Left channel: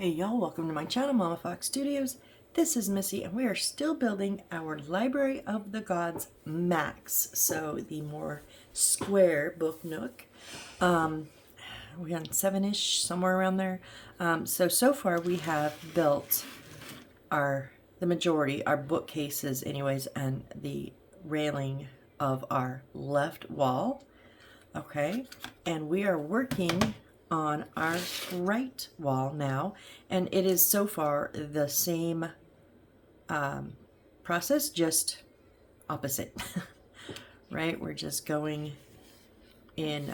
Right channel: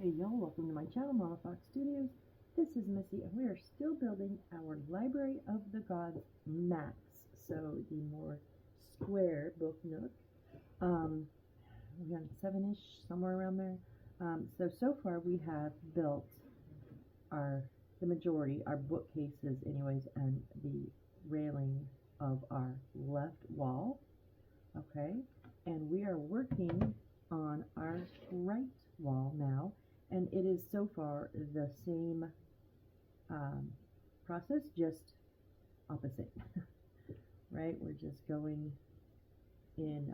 Hey y'all, welcome to my channel, Mama Fox Studios. This is Missy and we are still building our Library of the Gods Max. So the more square book nook. We're on 7-ish, somewhere around there. So far we have built the majority, our bookcases anyways, and the railing of our left wall. Okay, and we are working on our right wall now, and it is so far the same process, just opposite. Right, we're just going in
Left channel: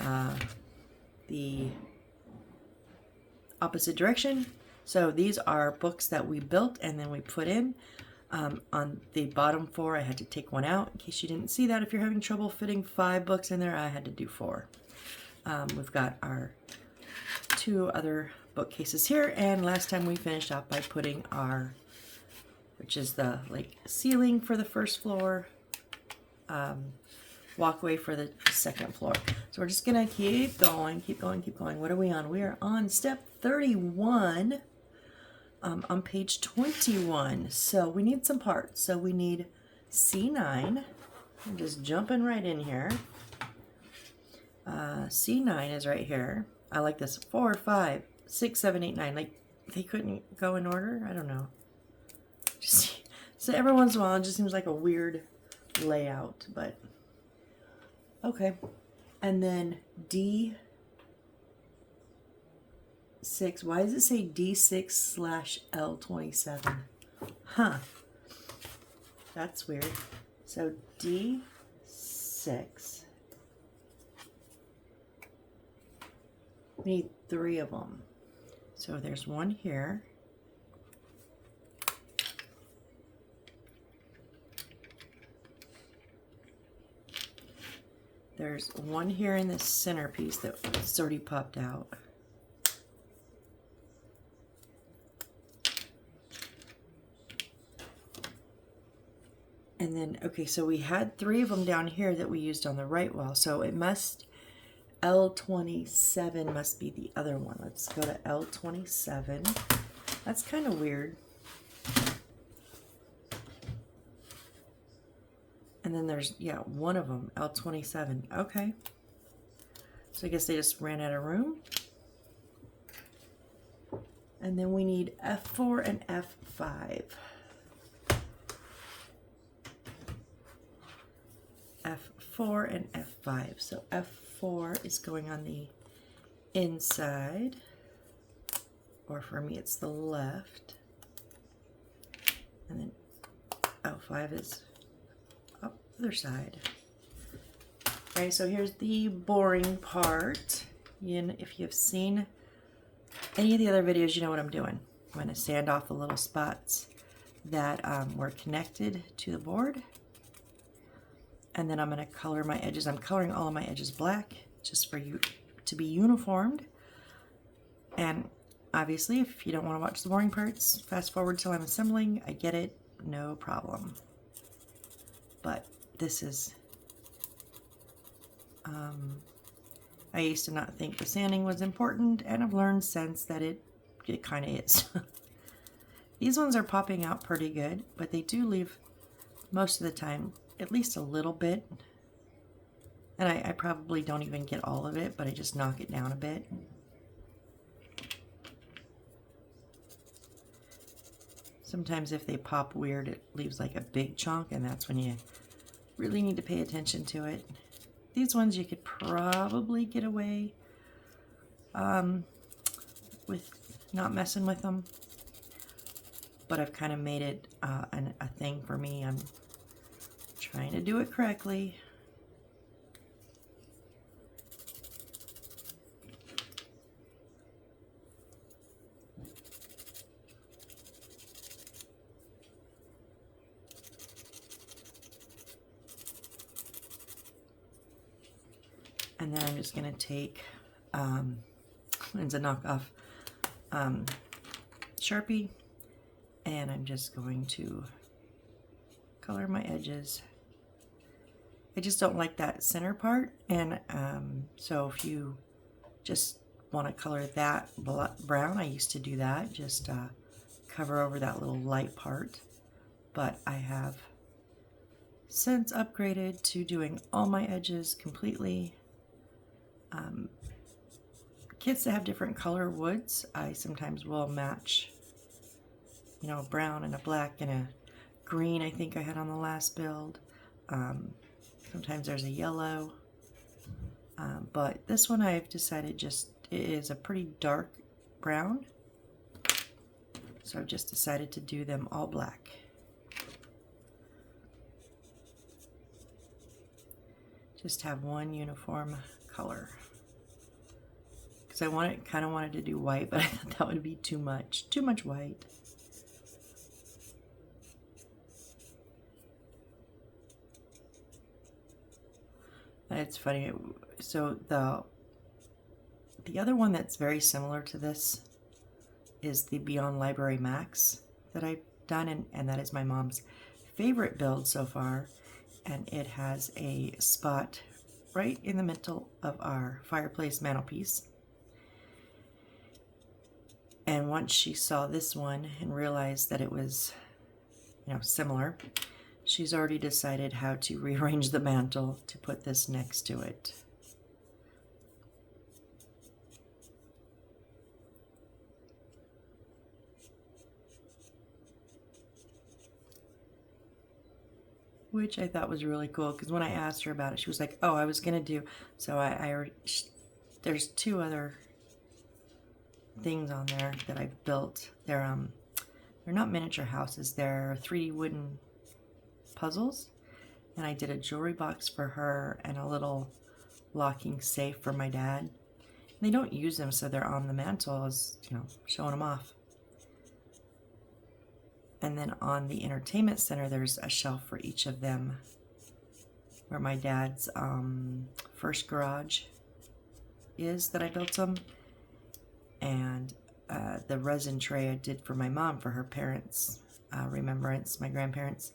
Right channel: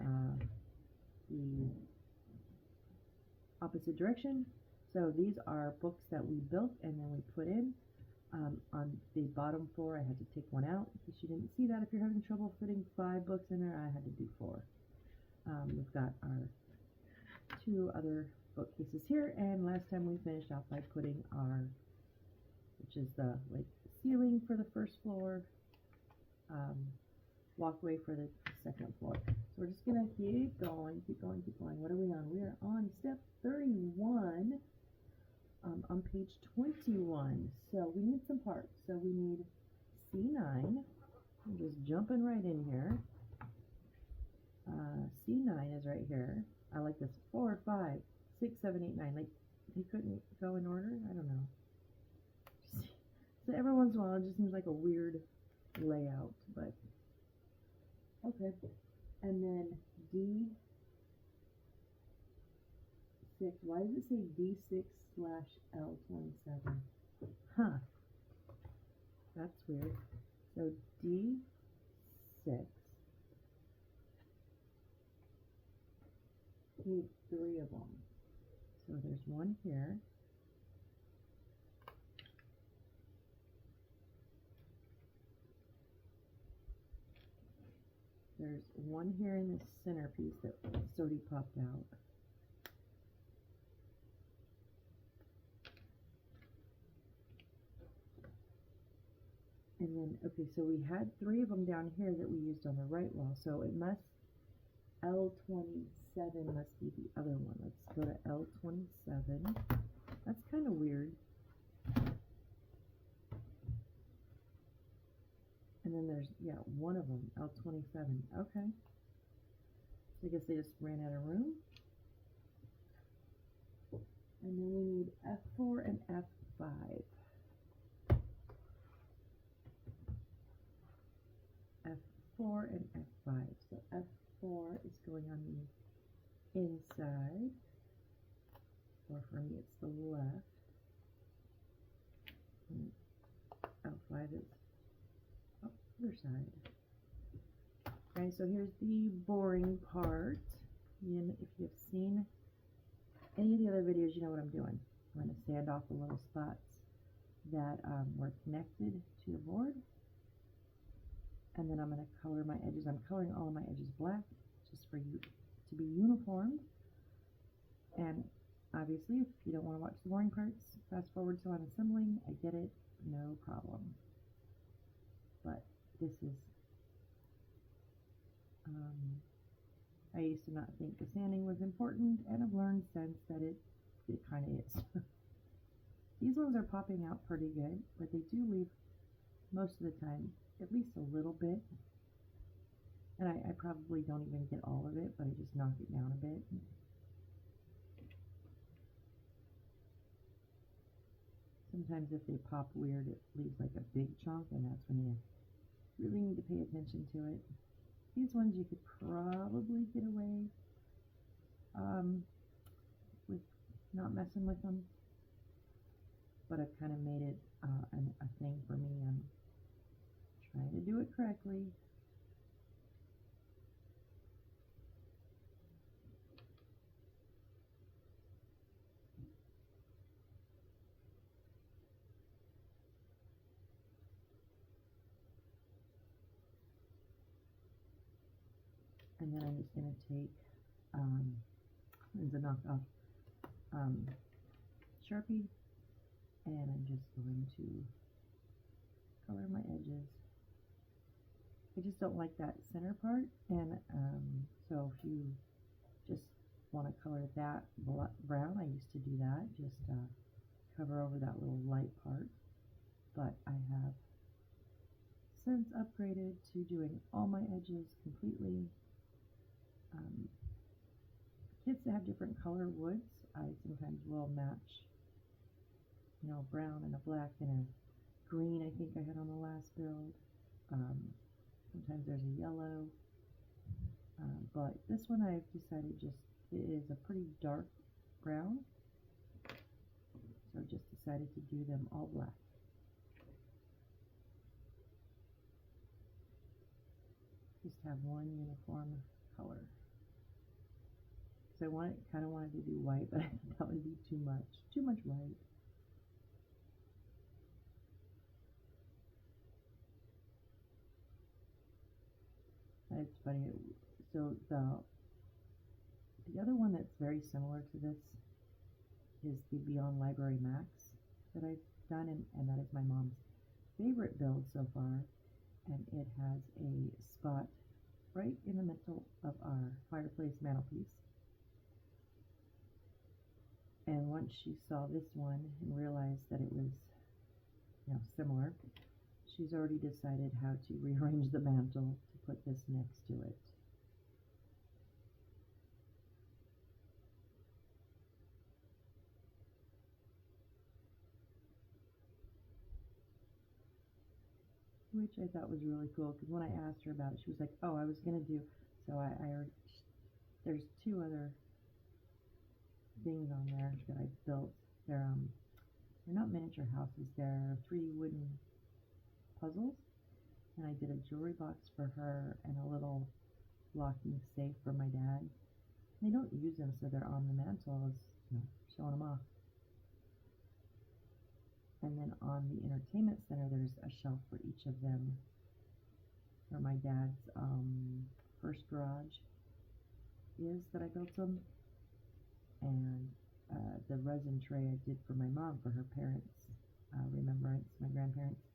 the opposite direction. So these are books that we built and then we put in. On the bottom 4, I had to take one out. In case you didn't see that, if you're having trouble fitting 5 books in there, I had to do 4. We've got our 2 other bookcases here, and last time we finished off by putting our, which is the like ceiling for the first floor, walkway for the second floor. So we're just gonna keep going, keep going, keep going. What are we on? We are on step 31. On page 21. So we need some parts. So we need C9. I'm just jumping right in here. C9 is right here. I like this. 4, 5, 6, 7, 8, 9. Like they couldn't go in order. I don't know. Just so every once in a while, it just seems like a weird layout, but okay. And then D6. Why does it say D6/L27? Huh. That's weird. So D6. We need 3 of them. So there's one here. There's one here in this centerpiece that's already popped out. And then, okay, so we had 3 of them down here that we used on the right wall. So it must, L27 must be the other one. Let's go to L27. That's kind of weird. And then there's, yeah, one of them, L27. Okay. So I guess they just ran out of room. And then we need F4 and F5. F4 and F5. So F4 is going on the inside, or for me it's the left, and then F5 is up the other side. Okay, so here's the boring part. If you've seen any of the other videos, you know what I'm doing. I'm going to sand off the little spots that were connected to the board. And then I'm going to color my edges. I'm coloring all of my edges black just for you to be uniformed. And obviously, if you don't want to watch the boring parts, fast forward till I'm assembling. I get it, no problem. But this is, I used to not think the sanding was important, and I've learned since that it kind of is. These ones are popping out pretty good, but they do leave most of the time at least a little bit, and I probably don't even get all of it, but I just knock it down a bit. Sometimes if they pop weird, it leaves like a big chunk, and that's when you really need to pay attention to it. These ones you could probably get away with not messing with them, but I've kind of made it a thing for me. I'm trying to do it correctly. And then I'm just going to take, it's a knockoff Sharpie, and I'm just going to color my edges. I just don't like that center part, and so if you just want to color that brown, I used to do that, just cover over that little light part. But I have since upgraded to doing all my edges completely. Kits that have different color woods, I sometimes will match, you know, a brown and a black and a green I think I had on the last build. Sometimes there's a yellow. But this one I've decided just it is a pretty dark brown. So I've just decided to do them all black. Just have one uniform color. Because I kind of wanted to do white, but I thought that would be too much white. It's funny. So the other one that's very similar to this is the Beyond Library Max that I've done, and that is my mom's favorite build so far. And it has a spot right in the middle of our fireplace mantelpiece. And once she saw this one and realized that it was, you know, similar, she's already decided how to rearrange the mantle to put this next to it. Which I thought was really cool, because when I asked her about it, she was like, oh, I was going to do, so I already, there's two other things on there that I've built. They're not miniature houses, they're 3D wooden puzzles, and I did a jewelry box for her and a little locking safe for my dad. And they don't use them, so they're on the mantle as, you know, showing them off. And then on the entertainment center, there's a shelf for each of them, where my dad's first garage is that I built them, and the resin tray I did for my mom for her parents' remembrance, my grandparents.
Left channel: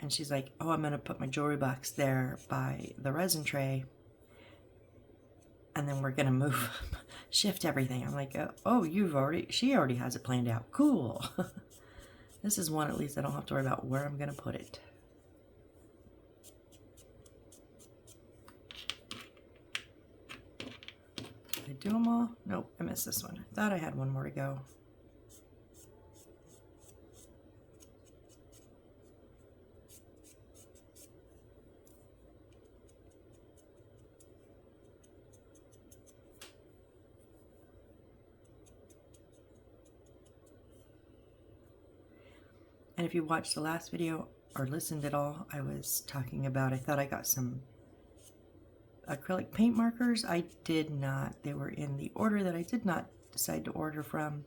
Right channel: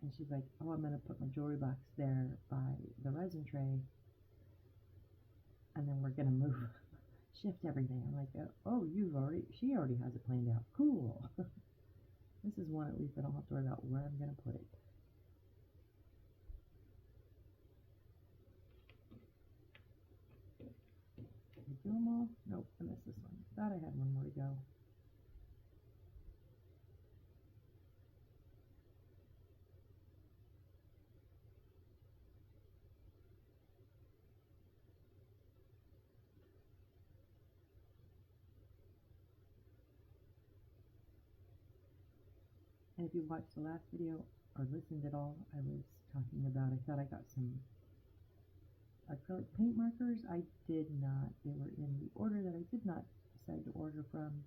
And she's like, oh, I'm gonna put my jewelry box there by the resin tray, and then we're gonna move, shift everything. I'm like, oh, she already has it planned out. Cool. This is one at least I don't have to worry about where I'm gonna put it. Did I do them all? Nope, I missed this one. I thought I had one more to go. And if you watched the last video or listened at all, I was talking about, I thought I got some acrylic paint markers. I did not. They were in the order that I did not decide to order from.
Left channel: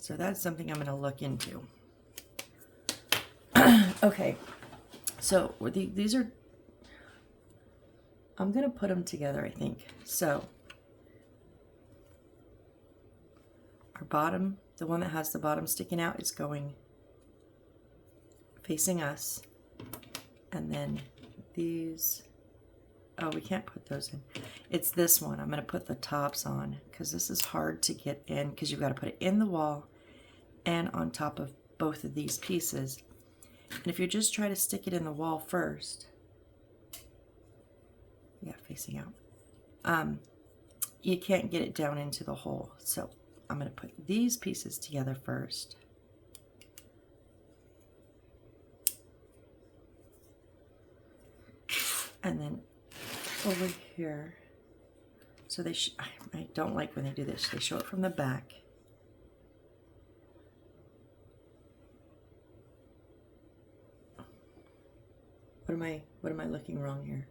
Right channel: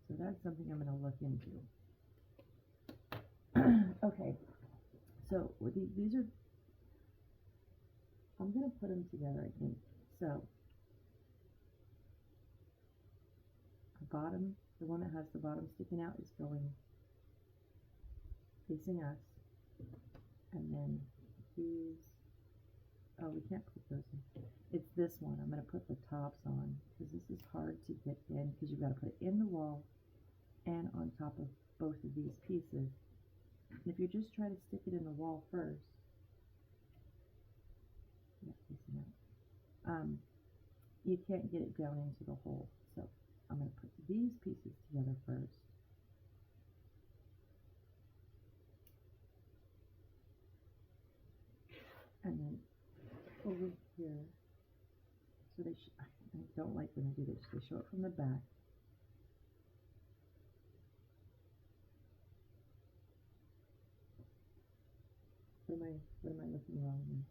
So that's something I'm going to look into. Okay, so these are, I'm going to put them together, I think. So our bottom, the one that has the bottom sticking out, is going facing us. And then these, oh, we can't put those in. It's this one. I'm going to put the tops on, because this is hard to get in, because you've got to put it in the wall and on top of both of these pieces. And if you just try to stick it in the wall first, yeah, facing out, you can't get it down into the hole. So I'm going to put these pieces together first. And then over here, so they I don't like when they do this. They show it from the back. What am I looking wrong here?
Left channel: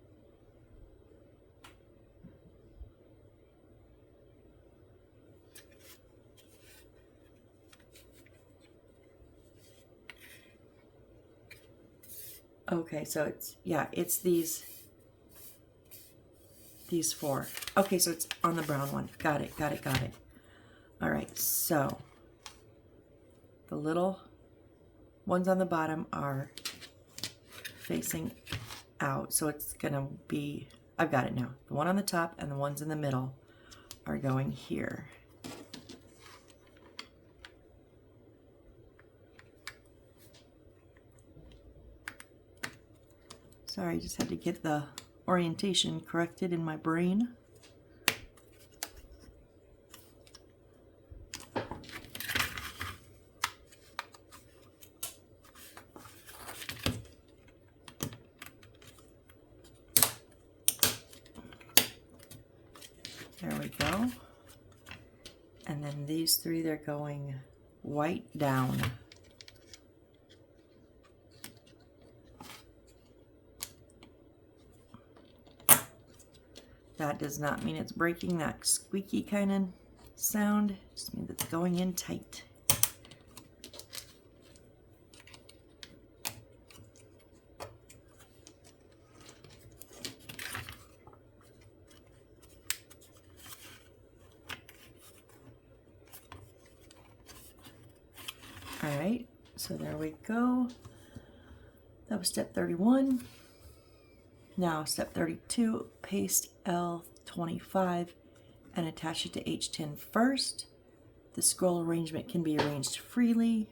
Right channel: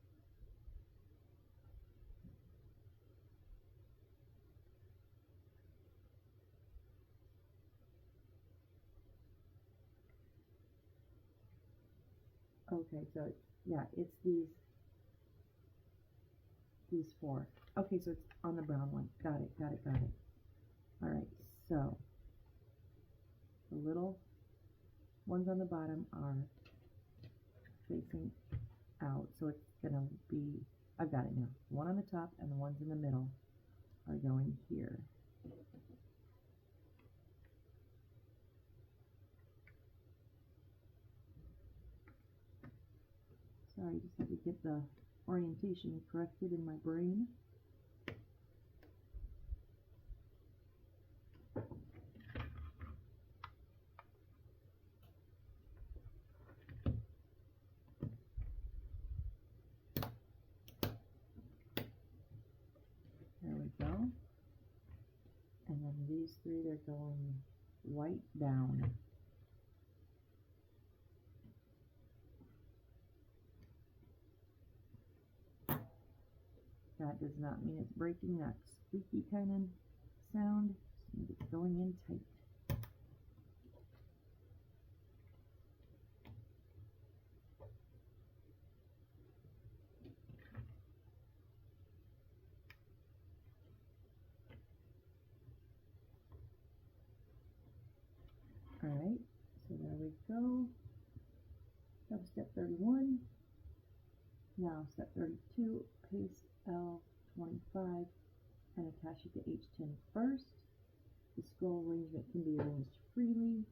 Okay, so it's, yeah, it's these four. Okay, so it's on the brown one. Got it. All right, so the little ones on the bottom are facing out, so it's gonna be I've got it now. The one on the top and the ones in the middle are going here. Sorry, I just had to get the orientation corrected in my brain. There we go. And then these three, they're going white down. That does not mean it's breaking, that squeaky kind of sound. It just means it's going in tight. All right, so there we go. That was step 31. Now step 32, paste L25 and attach it to H10 first. The scroll arrangement can be arranged freely.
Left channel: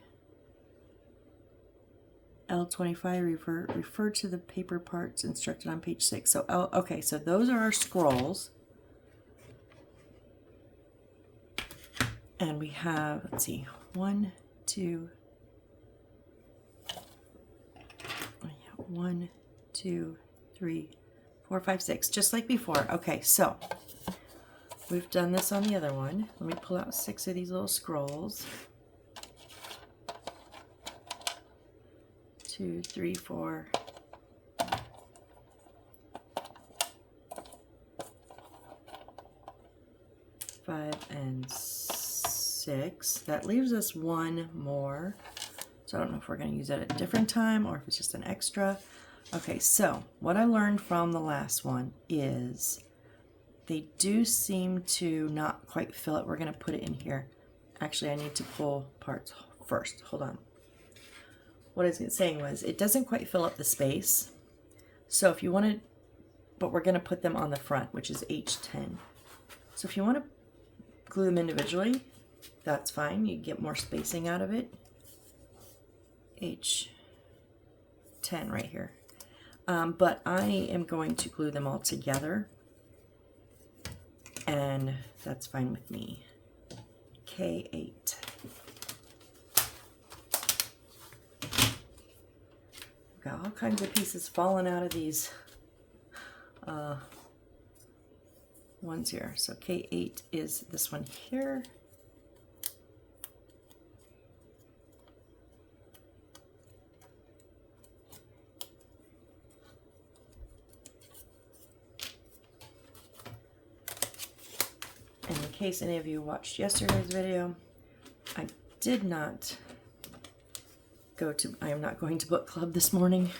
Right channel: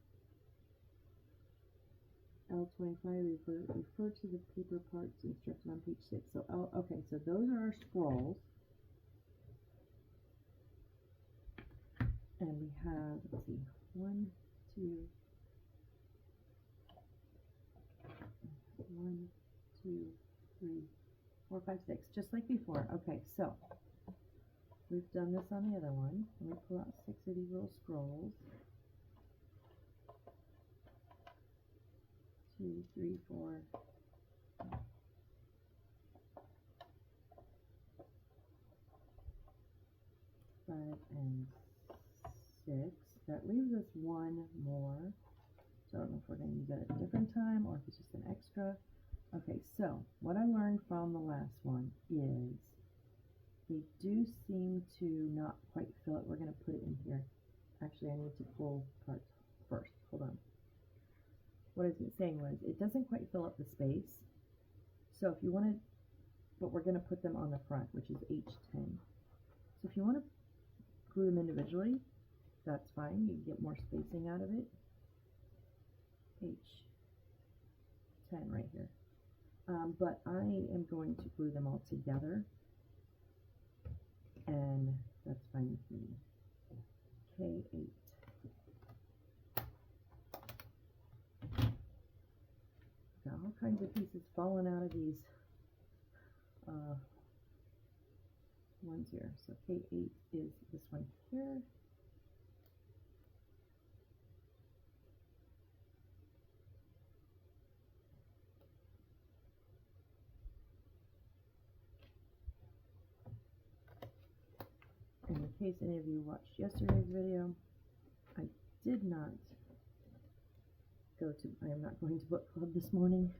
L25, refer to the paper parts instructed on page 6. So, okay, so those are our scrolls. And we have, let's see, 1, 2, 3, 4, 5, 6, just like before. Okay, so we've done this on the other one. Let me pull out 6 of these little scrolls. 2, 3, 4, 5, and 6. That leaves us one more. So I don't know if we're going to use it at a different time or if it's just an extra. Okay, so what I learned from the last one is they do seem to not quite fill it. We're going to put it in here. Actually, I need to pull parts first. Hold on. What I was saying was it doesn't quite fill up the space. So if you want to, but we're going to put them on the front, which is H10. So if you want to glue them individually, that's fine. You get more spacing out of it. H10 right here. But I am going to glue them all together, and that's fine with me. K8. Got all kinds of pieces falling out of these ones here. So K8 is this one here. In case any of you watched yesterday's video, I did not I am not going to book club this morning.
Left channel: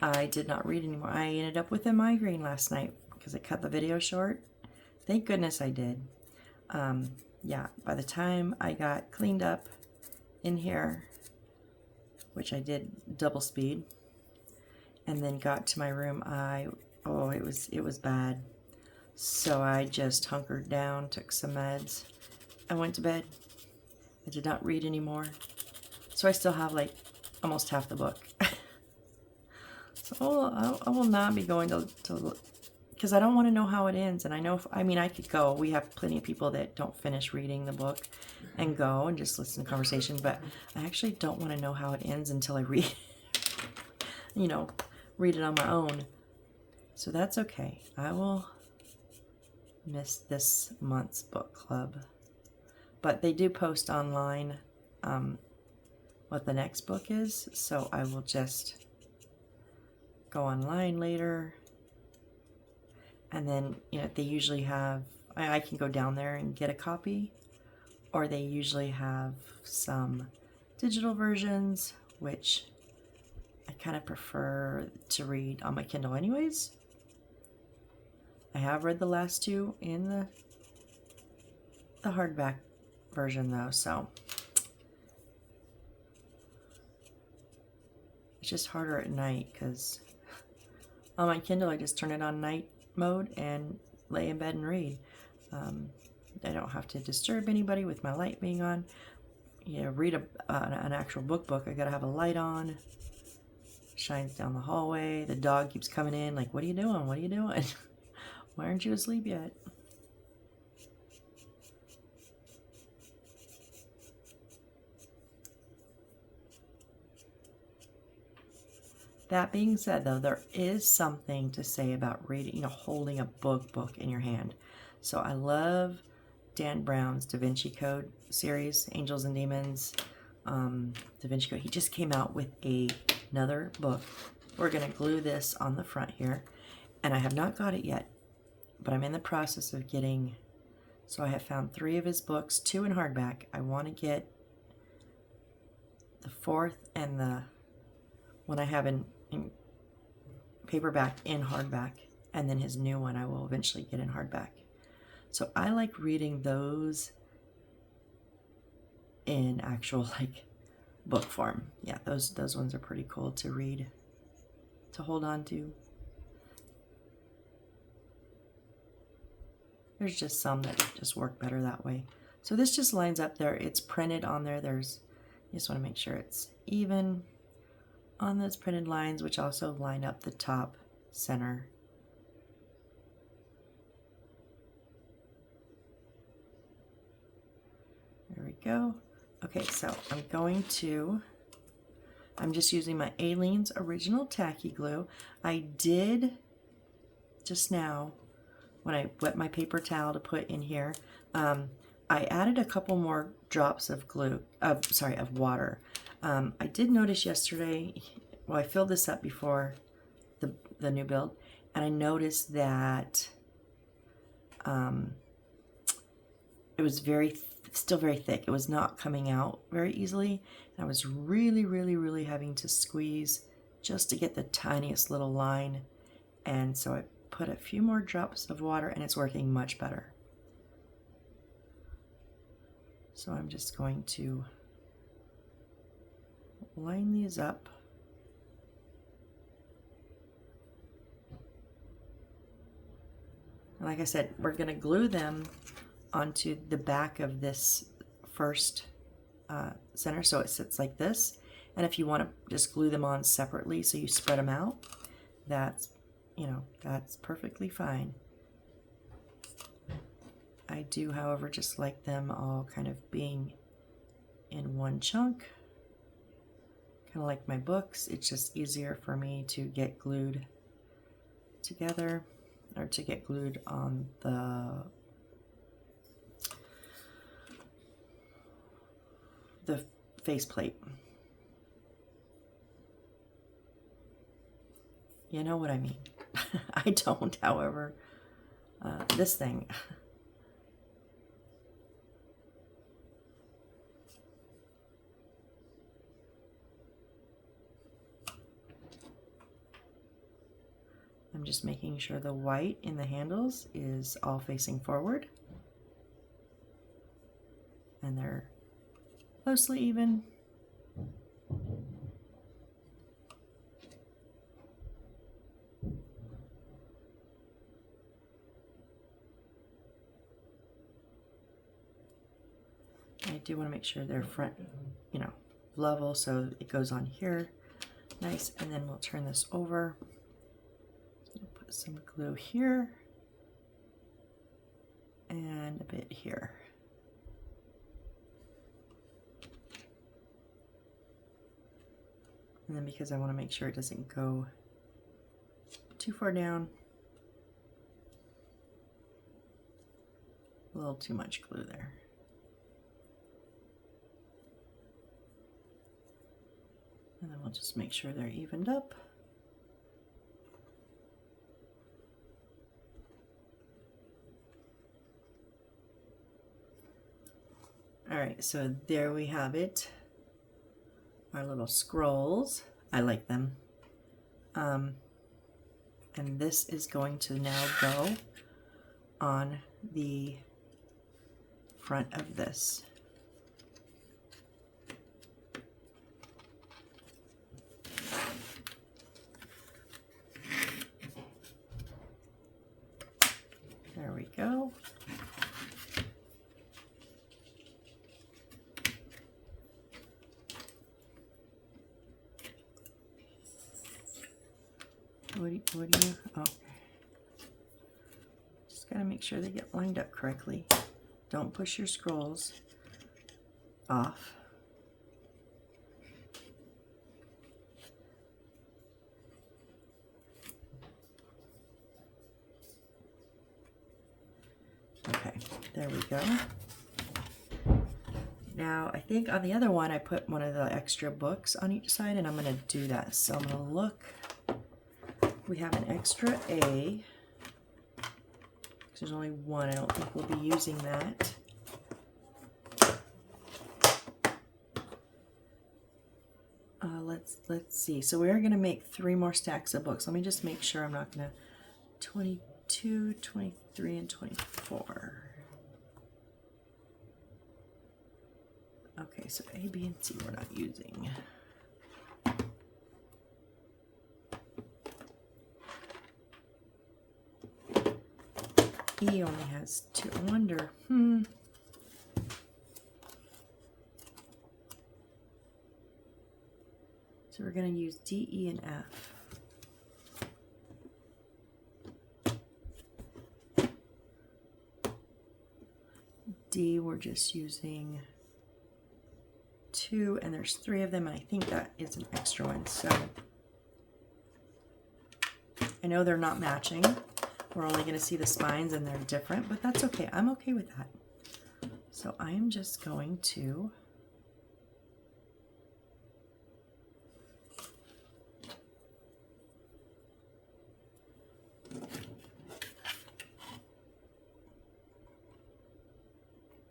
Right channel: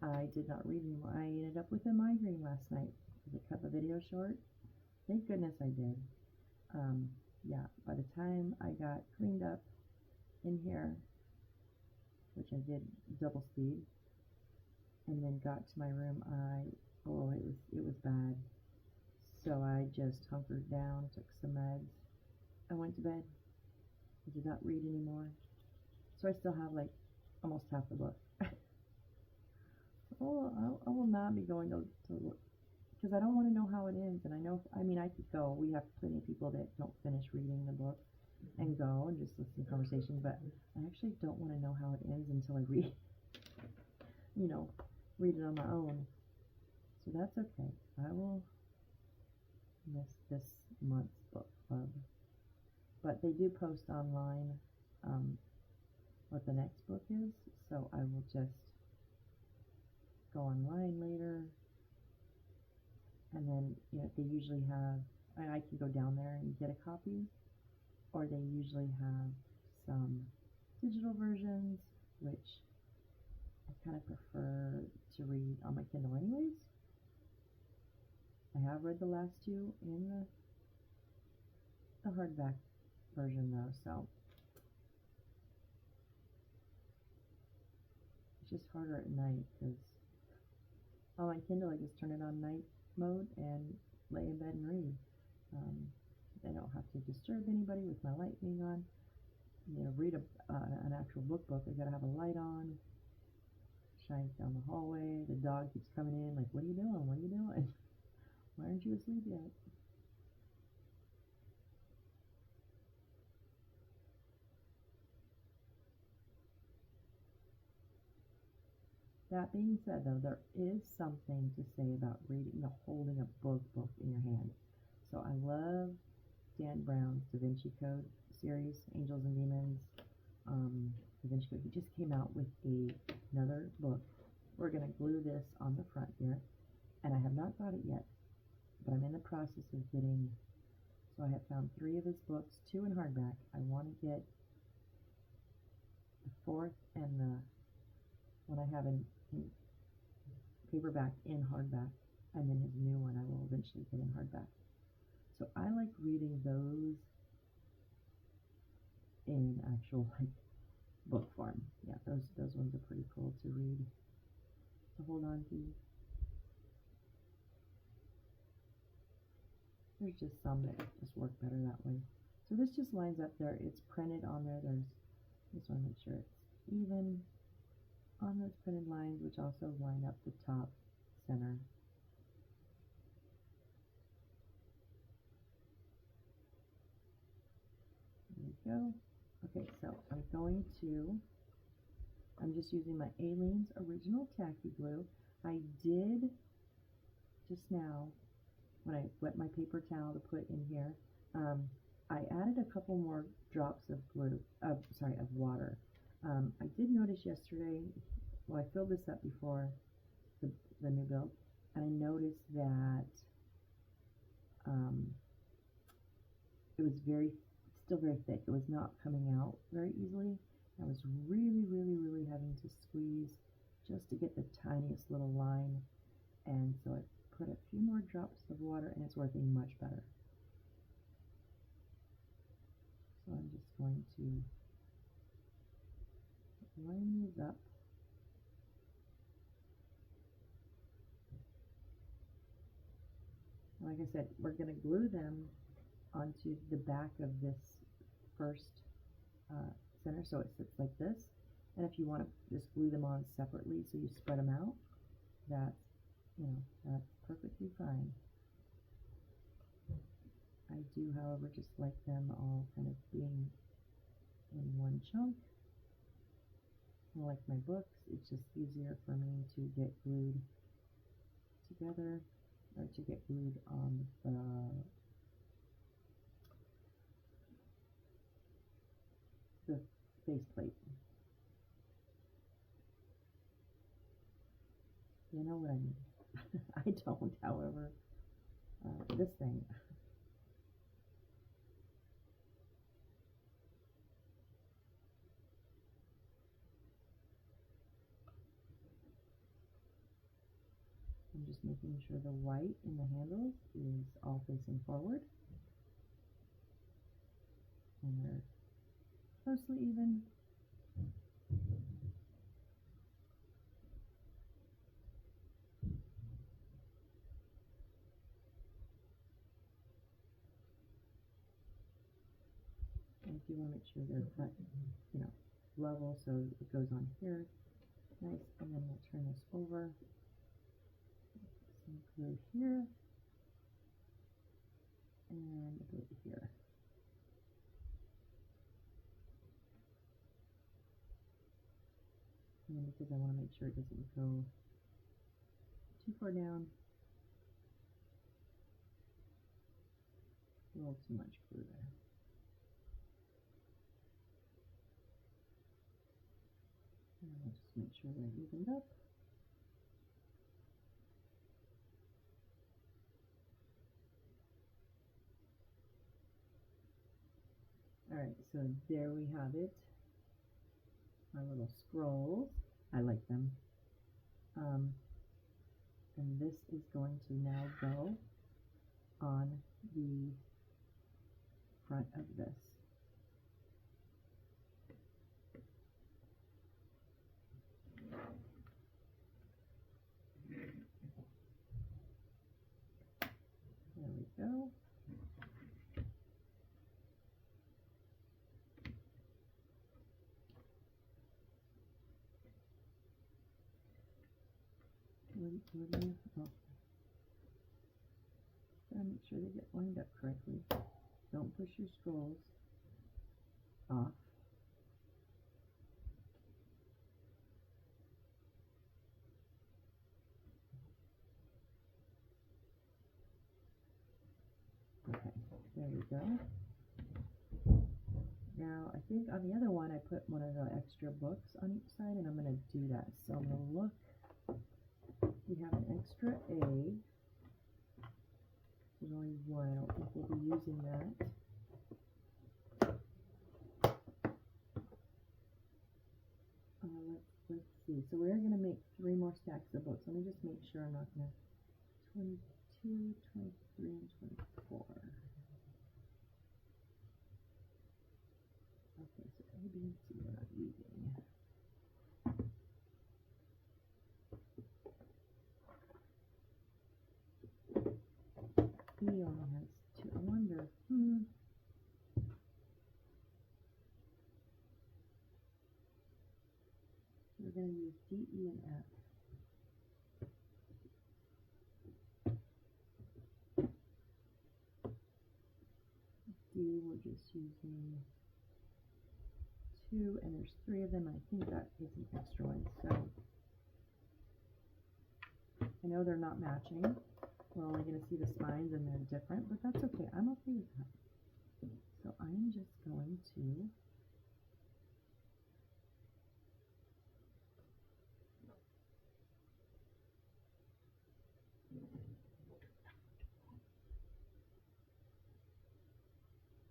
I did not read anymore. I ended up with a migraine last night because I cut the video short. Thank goodness I did. Yeah, by the time I got cleaned up in here, which I did double speed, and then got to my room, it was bad. So I just hunkered down, took some meds, and went to bed. I did not read anymore. So I still have like almost half the book. So I will not be going to because I don't want to know how it ends. And I know, I could go. We have plenty of people that don't finish reading the book and go and just listen to conversation. But I actually don't want to know how it ends until I read, read it on my own. So that's okay. I will miss this month's book club. But they do post online what the next book is, so I will just go online later. And then, they usually have, I can go down there and get a copy, or they usually have some digital versions, which I kind of prefer to read on my Kindle anyways. I have read the last two in the hardback version though, so it's just harder at night because On my Kindle, I just turn it on night mode and lay in bed and read. I don't have to disturb anybody with my light being on. You know, read an actual book. I gotta have a light on. Shines down the hallway. The dog keeps coming in like, what are you doing? What are you doing? Why aren't you asleep yet? That being said, though, there is something to say about reading, you know, holding a book in your hand. So I love Dan Brown's Da Vinci Code series, Angels and Demons, Da Vinci Code. He just came out with another book. We're going to glue this on the front here, and I have not got it yet, but I'm in the process of getting, so I have found 3 of his books, 2 in hardback. I want to get the 4th and the one I have in paperback in hardback, and then his new one I will eventually get in hardback. So I like reading those in actual like book form. Yeah, those ones are pretty cool to read, to hold on to. There's just some that just work better that way. So this just lines up there. It's printed on there. You just want to make sure it's even on those printed lines, which also line up the top center. There we go. Okay, so I'm just using my Aleene's Original Tacky Glue. I did just now, when I wet my paper towel to put in here, I added a couple more drops of water. I did notice yesterday, well, I filled this up before the new build, and I noticed that it was still very thick. It was not coming out very easily. And I was really having to squeeze just to get the tiniest little line. And so I put a few more drops of water, and it's working much better. So I'm just going to line these up. And like I said, we're going to glue them onto the back of this first center, so it sits like this. And if you want to just glue them on separately, so you spread them out, that's perfectly fine. I do, however, just like them all kind of being in one chunk, kind of like my books. It's just easier for me to get glued together, or to get glued on the faceplate. You know what I mean. I don't, however. This thing. I'm just making sure the white in the handles is all facing forward. And they're mostly even. I do want to make sure they're front, level, so it goes on here. Nice, and then we'll turn this over. Put some glue here and a bit here. And then, because I want to make sure it doesn't go too far down, a little too much glue there. And then we'll just make sure they're evened up. All right, so there we have it. Our little scrolls. I like them. And this is going to now go on the front of this. what do you, oh. Just gotta make sure they get lined up correctly. Don't push your scrolls off. Okay, there we go. Now, I think on the other one, I put one of the extra books on each side, and I'm going to do that. So I'm going to look. We have an extra A. There's only one. I don't think we'll be using that. Let's see. So we are going to make 3 more stacks of books. Let me just make sure I'm not going to 22, 23, and 24. Okay, so A, B, and C we're not using. E only has 2. I wonder, So we're going to use D, E, and F. D, we're just using 2, and there's 3 of them, and I think that is an extra one. So I know they're not matching. We're only going to see the spines, and they're different, but that's okay. I'm okay with that. So I am just going to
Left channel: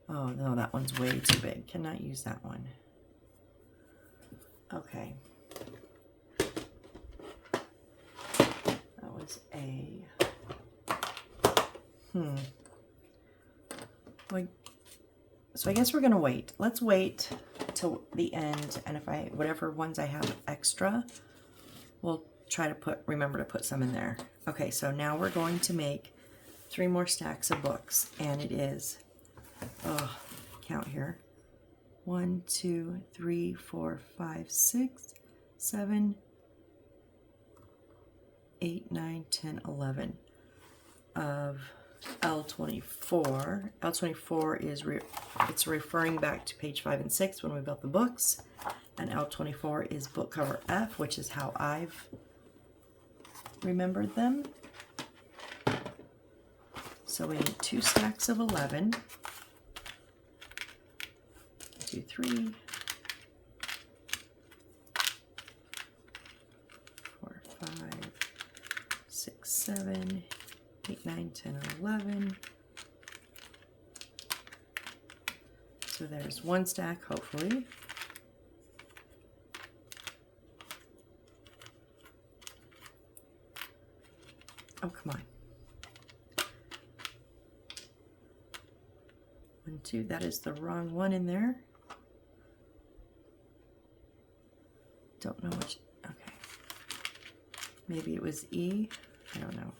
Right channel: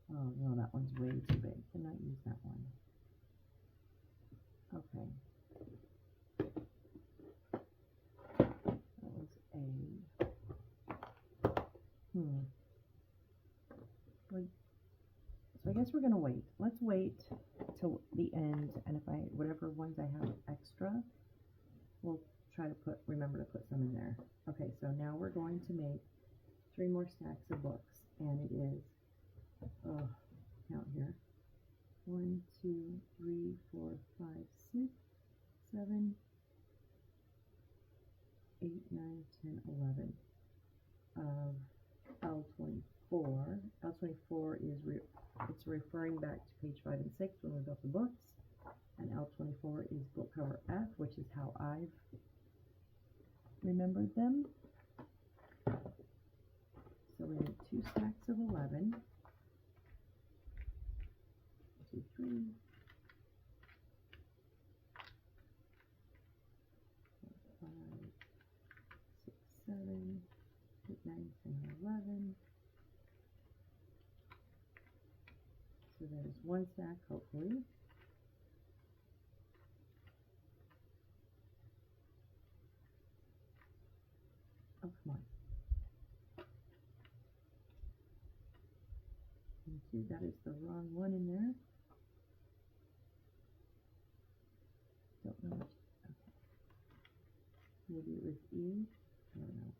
oh no, that one's way too big. Cannot use that one. Okay. That was A. Like, so I guess we're gonna wait. Let's wait till the end, and if whatever ones I have extra, we'll try to remember to put some in there. Okay, so now we're going to make 3 more stacks of books, and it is, count here. 1, 2, 3, 4, 5, 6, 7, 8, 9, 10, 11 of L24. L24 is it's referring back to page 5 and 6 when we built the books, and L24 is book cover F, which is how I've remembered them. So we need 2 stacks of 11. 2, 3, 4, 5, 6, 7, 8, 9, 10, 11. So there's 1 stack, hopefully. Oh, come on. 1, 2, that is the wrong one in there. Don't know which, okay. Maybe it was E, I don't know.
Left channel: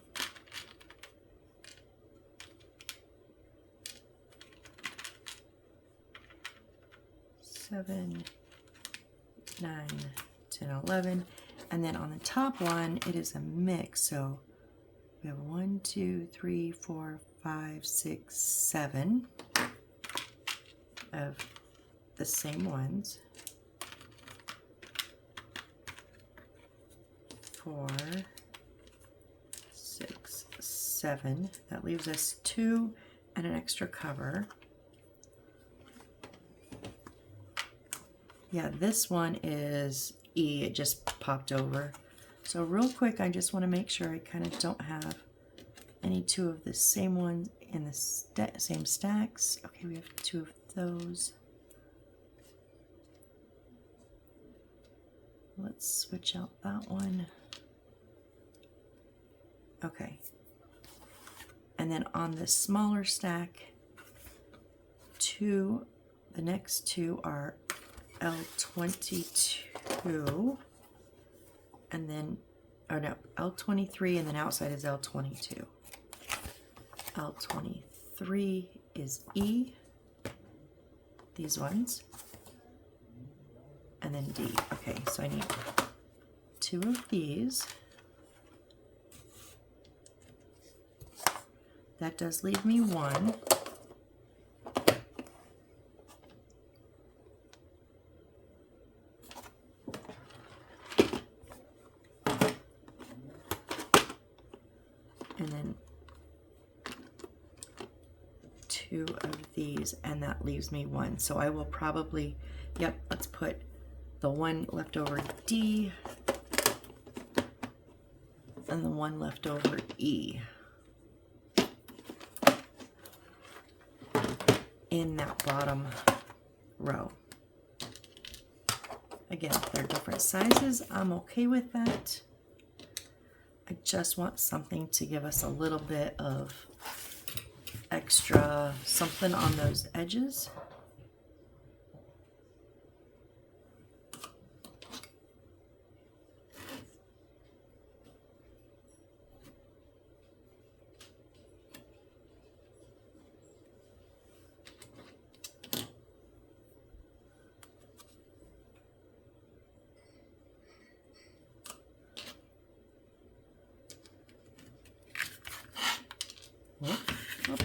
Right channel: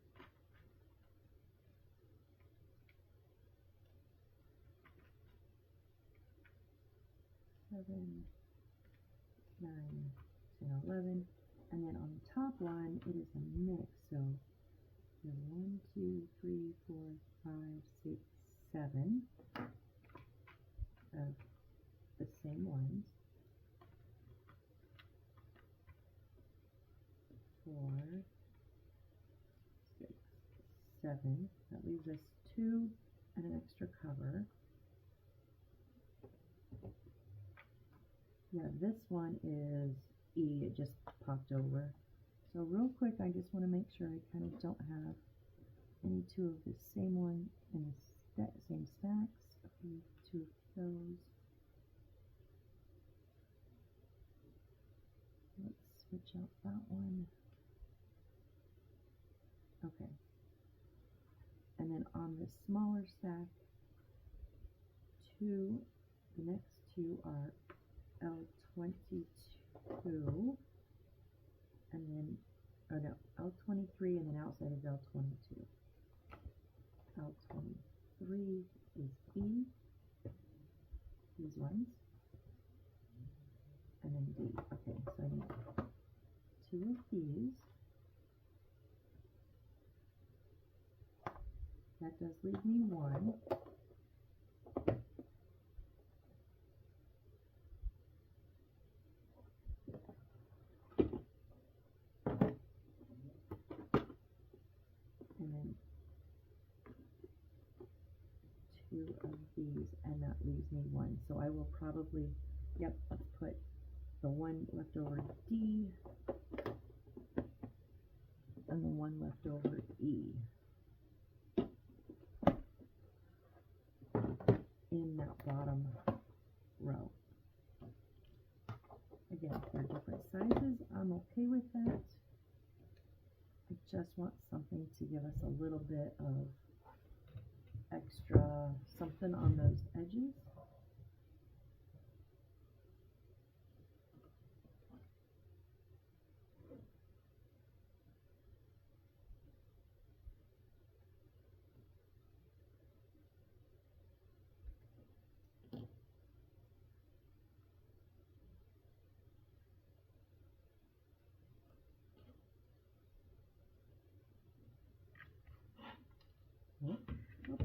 Seven, 9, 10, 11. And then on the top one, it is a mix. So we have 1, 2, 3, 4, 5, 6, 7 of the same ones. 4, 6, 7. That leaves us 2 and an extra cover. Yeah, this one is E. It just popped over. So real quick, I just want to make sure I kind of don't have any 2 of the same ones in the same stacks. Okay, we have 2 of those. Let's switch out that one. Okay. And then on this smaller stack, the next 2 are L22, and then, oh no, L23, and then outside is L22. L23 is E, these ones, and then D. Okay, so I need 2 of these. that does leave me one. And then 2 of these, and that leaves me one. So I will probably, yep, let's put the one leftover D and the one leftover E in that bottom row. Again, they're different sizes. I'm okay with that. I just want something to give us a little bit of extra something on those edges.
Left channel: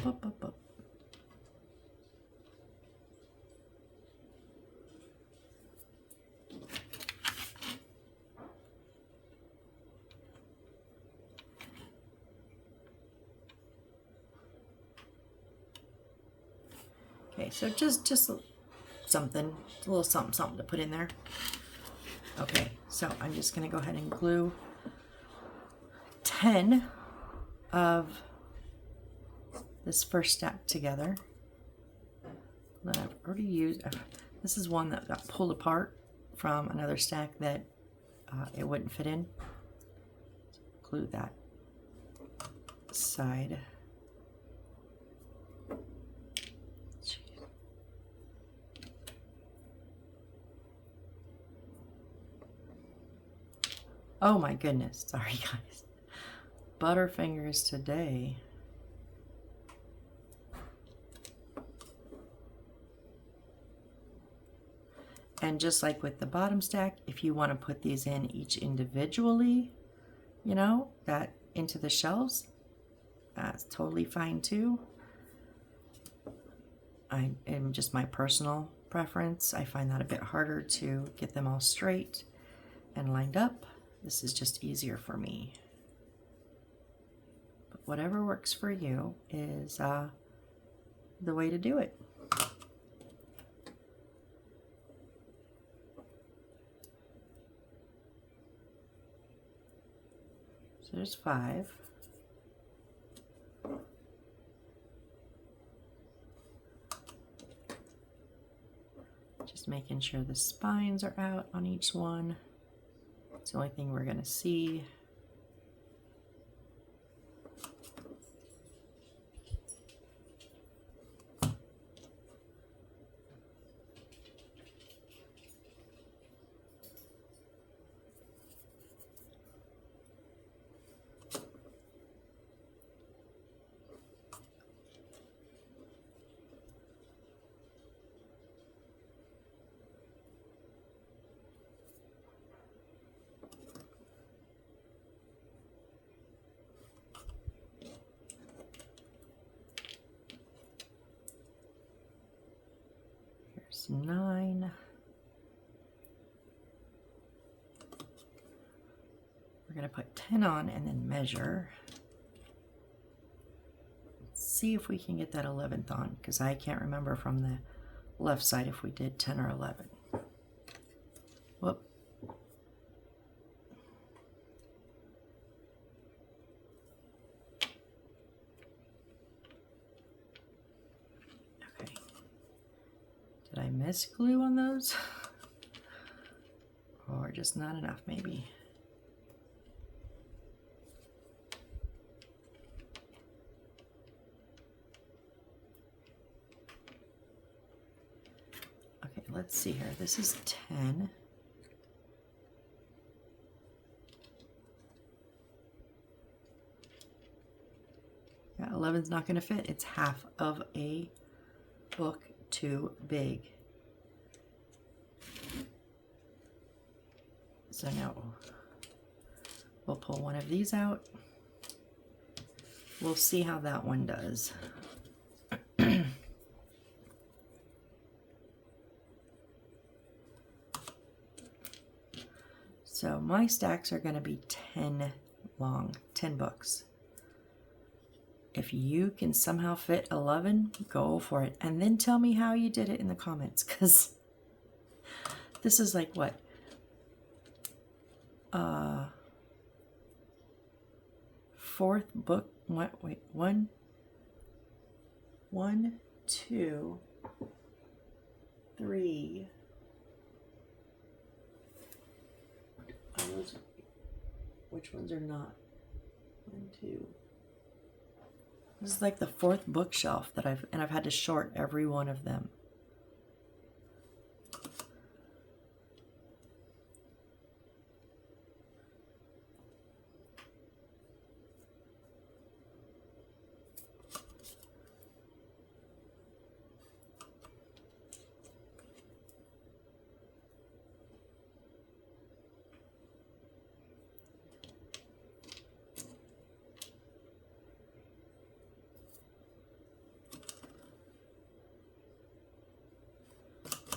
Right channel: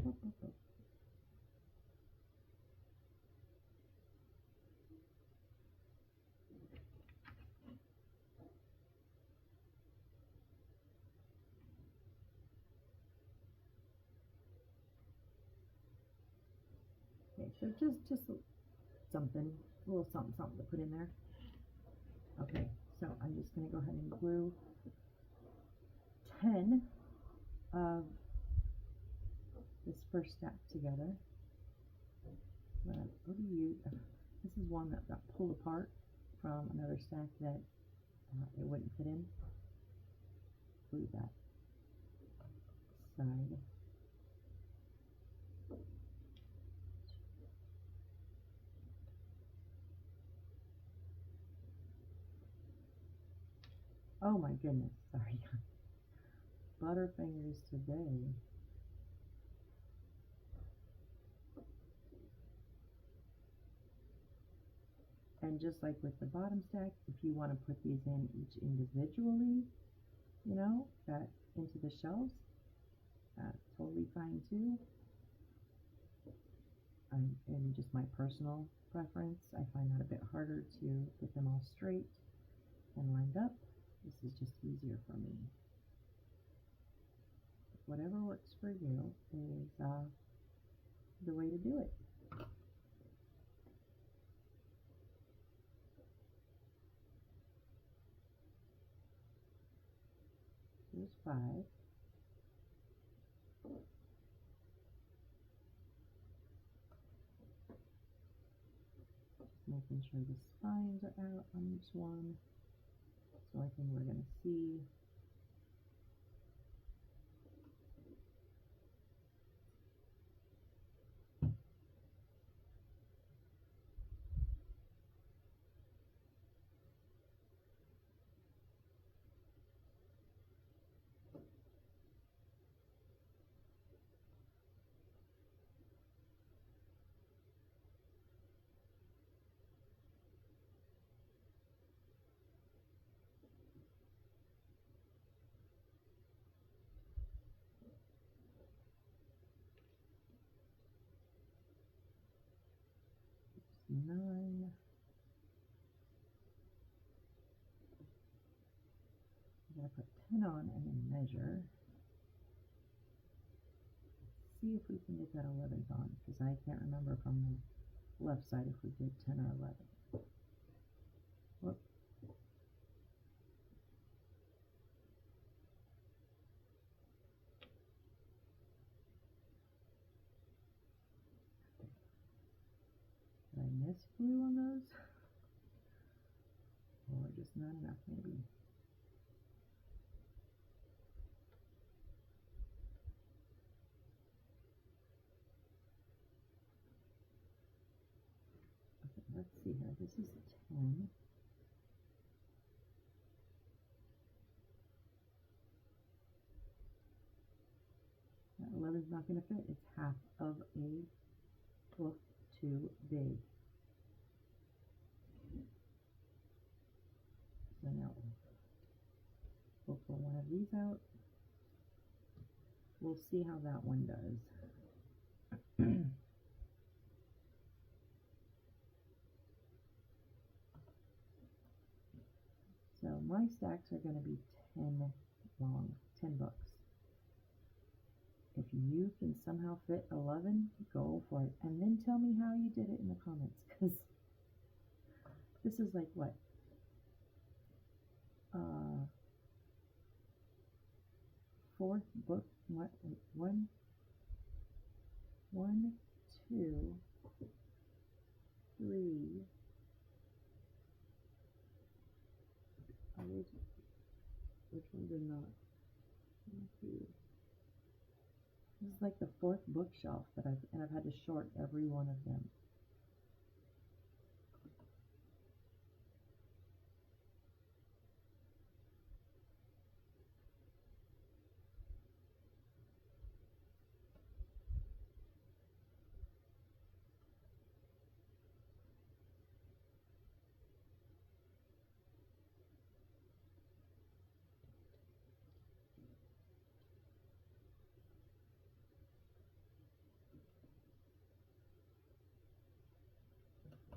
Up. Okay, so just something, a little something to put in there. Okay, so I'm just going to go ahead and glue 10 of this first stack together that I've already used. This is one that got pulled apart from another stack that it wouldn't fit in. Glue that side. Oh my goodness, sorry guys. Butterfingers today. And just like with the bottom stack, if you want to put these in each individually, you know, that into the shelves, that's totally fine too. I am just my personal preference. I find that a bit harder to get them all straight and lined up. This is just easier for me. But whatever works for you is the way to do it. So there's 5. Just making sure the spines are out on each one. It's the only thing we're going to see. Here's 9. We're going to put 10 on and then measure. Let's see if we can get that 11th on, because I can't remember from the left side if we did 10 or 11. Whoop. Okay. Did I miss glue on those? Or just not enough maybe? Okay, let's see here. This is 10. Yeah, 11's not going to fit. It's half of a book too big. So now we'll pull one of these out. we'll see how that one does. So my stacks are going to be 10 long, 10 books. If you can somehow fit 11, go for it. And then tell me how you did it in the comments, because this is like what? Fourth book. What? Wait, one, two, three. Which ones are not? 1, 2. This is like the fourth bookshelf that I've had to short every one of them.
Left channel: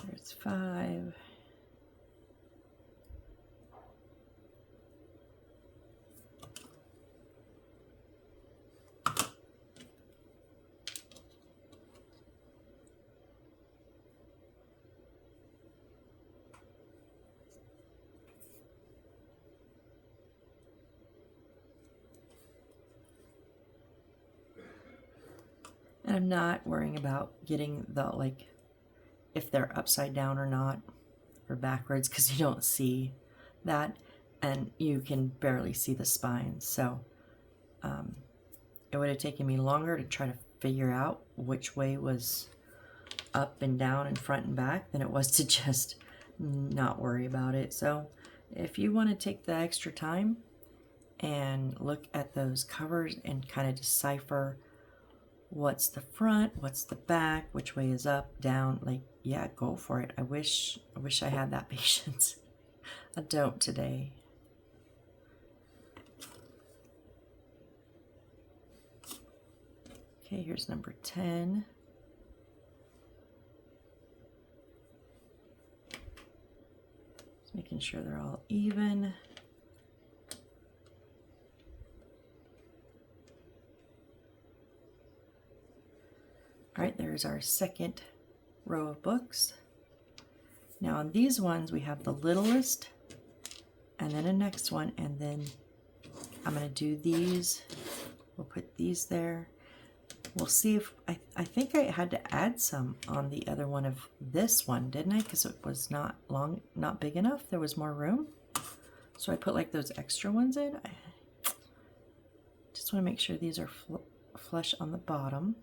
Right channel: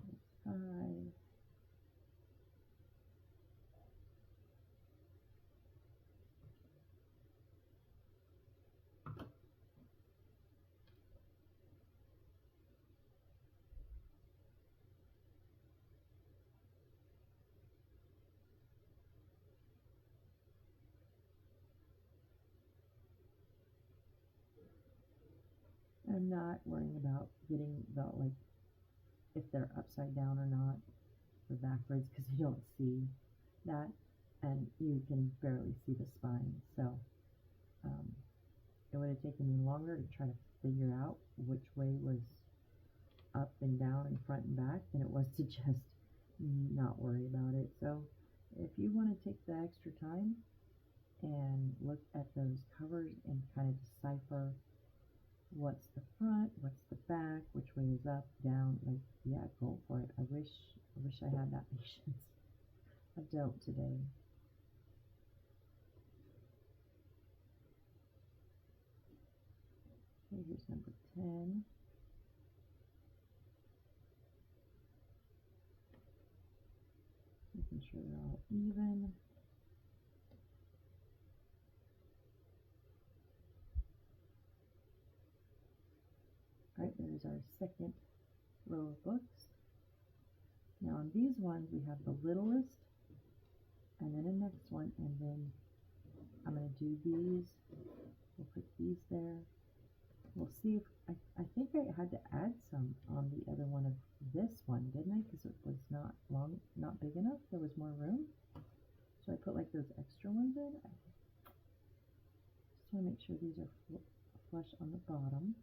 There's 5. And I'm not worrying about getting the, like, if they're upside down or not, or backwards, because you don't see that, and you can barely see the spine. So it would have taken me longer to try to figure out which way was up and down and front and back than it was to just not worry about it. So if you want to take the extra time and look at those covers and kind of decipher what's the front, what's the back, which way is up, down, like, yeah, go for it. I wish I had that patience. I don't today. Okay, here's number 10. Just making sure they're all even. All right, there's our second row of books. Now on these ones, we have the littlest, and then a next one, and then I'm going to do these. We'll put these there. We'll see if, I think I had to add some on the other one of this one, didn't I? Because it was not long, not big enough. There was more room. So I put like those extra ones in. I just want to make sure these are flush on the bottom.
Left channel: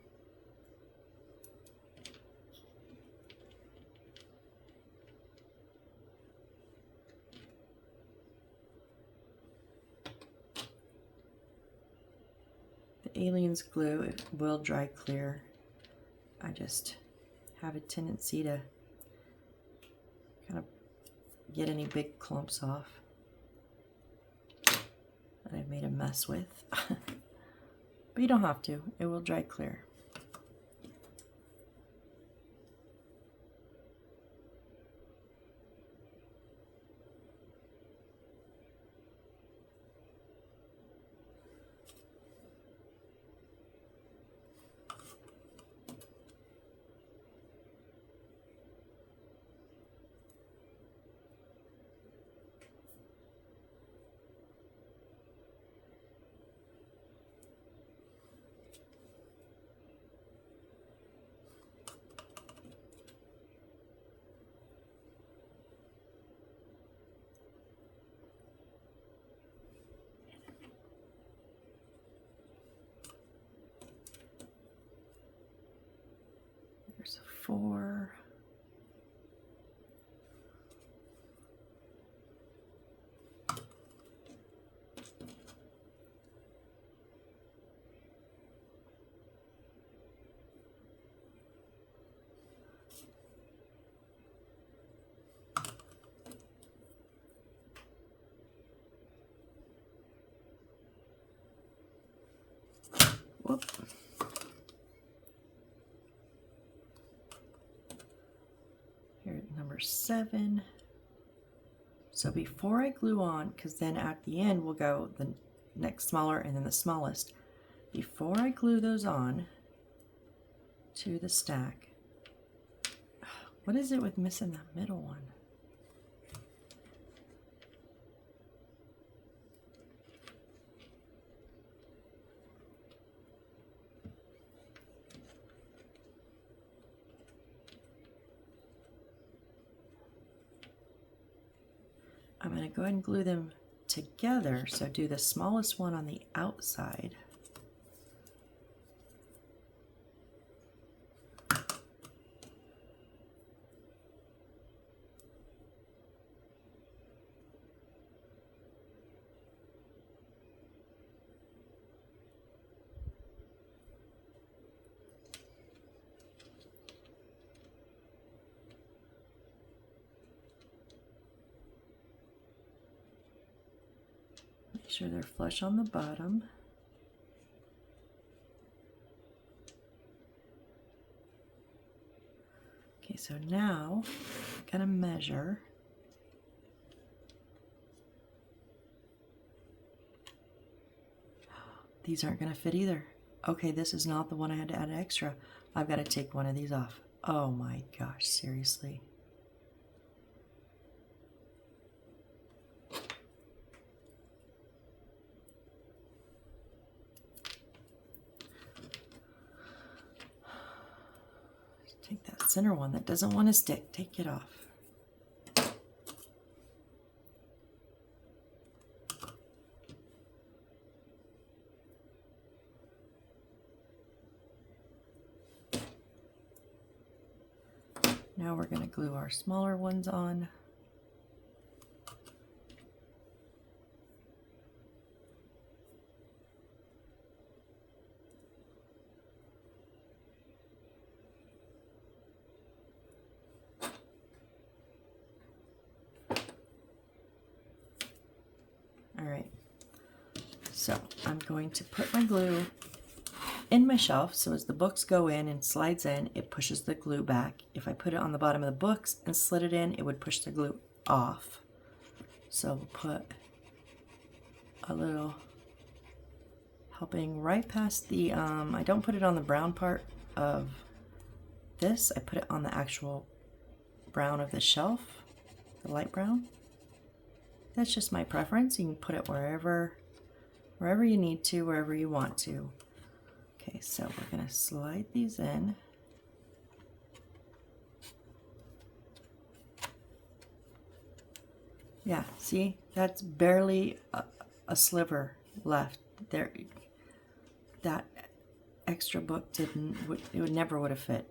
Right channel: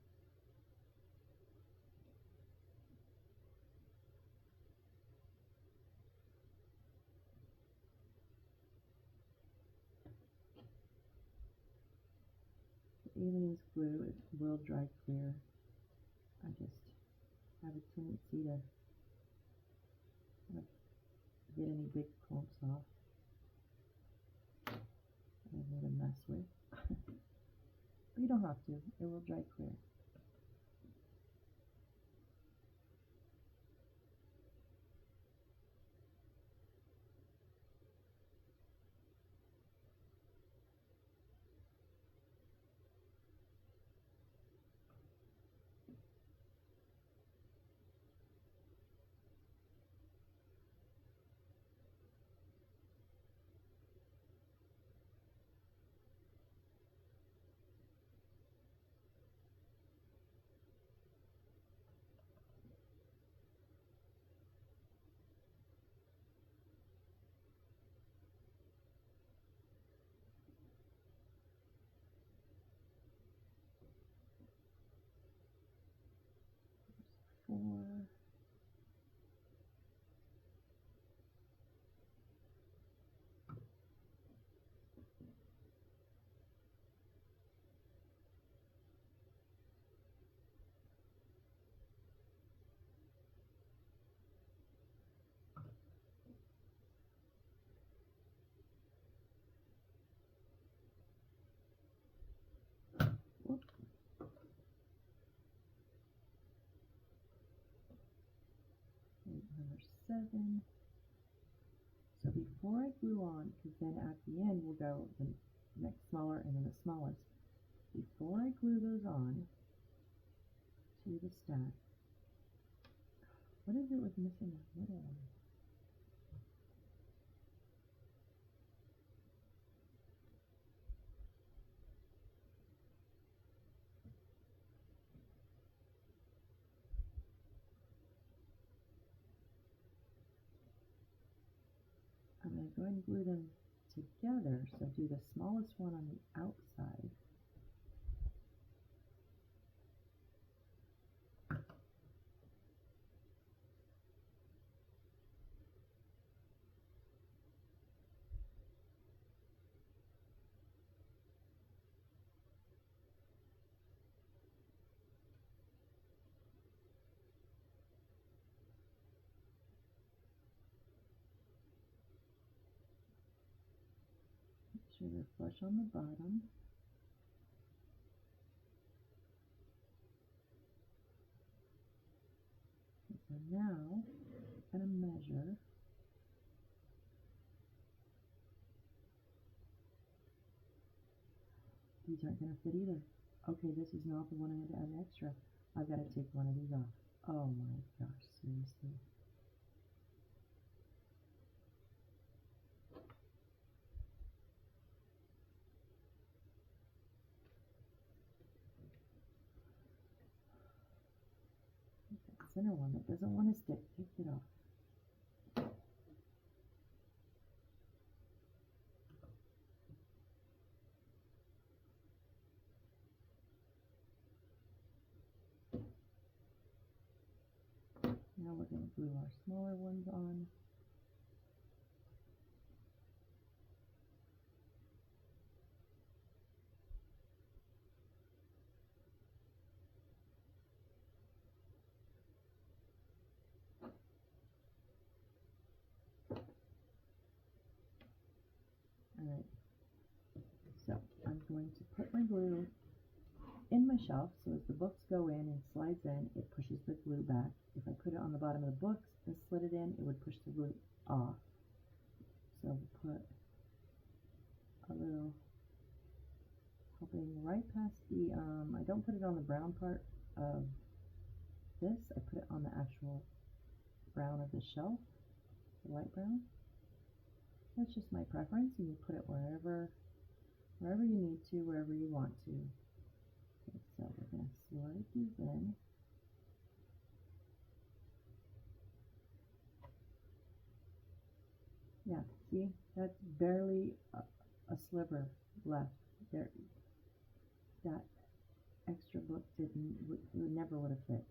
Aliens glue, it will dry clear. I just have a tendency to kind of get any big clumps off that I've made a mess with. But you don't have to, it will dry clear. There's a 4. Whoop. Here, number 7. So before I glue on, because then at the end we'll go the next smaller and then the smallest. Before I glue those on to the stack, what is it with missing that middle one? I'm going to go ahead and glue them together, so do the smallest one on the outside. Make sure they're flush on the bottom. Okay, so now I'm going to measure. These aren't going to fit either. Okay, this is not the one I had to add extra. I've got to take one of these off. Oh my gosh, seriously. Take that center one that doesn't want to stick. Take it off. Now we're going to glue our smaller ones on. All right, so I'm going to put my glue in my shelf, so as the books go in and slides in, it pushes the glue back. If I put it on the bottom of the books and slid it in, it would push the glue off. So we'll put a little helping right past the, I don't put it on the brown part of this, I put it on the actual brown of the shelf, the light brown. That's just my preference. You can put it wherever you need to, wherever you want to. Okay, so we're going to slide these in. Yeah, see, that's barely a sliver left there. That extra book it never would have fit.